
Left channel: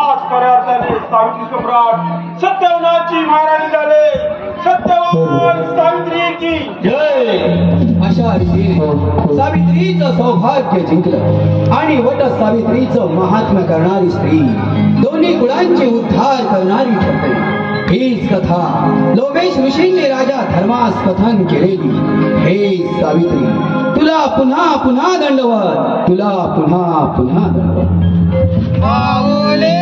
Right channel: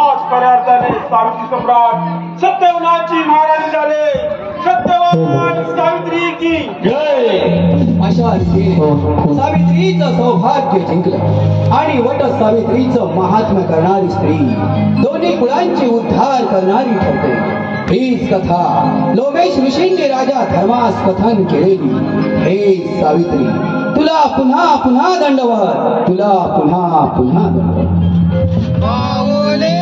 आज खऱ्या अर्थाने सावित्री सम्राट सत्यवनाची महाराणी झाले. सत्यवान सावित्री की जय. अशा रीतीने सावित्रीचं सौभाग्य जिंकलं आणि वट सावित्रीचं महात्म्य करणारी स्त्री दोन्ही कुळांचे उद्धार करणारी ठरते. हीच कथा लोमेश ऋषींनी राजा धर्मास कथन केलेली. हे सावित्री तुला पुन्हा पुन्हा दंडवत. तुला पुन्हा पुन्हा दंडवत. पावले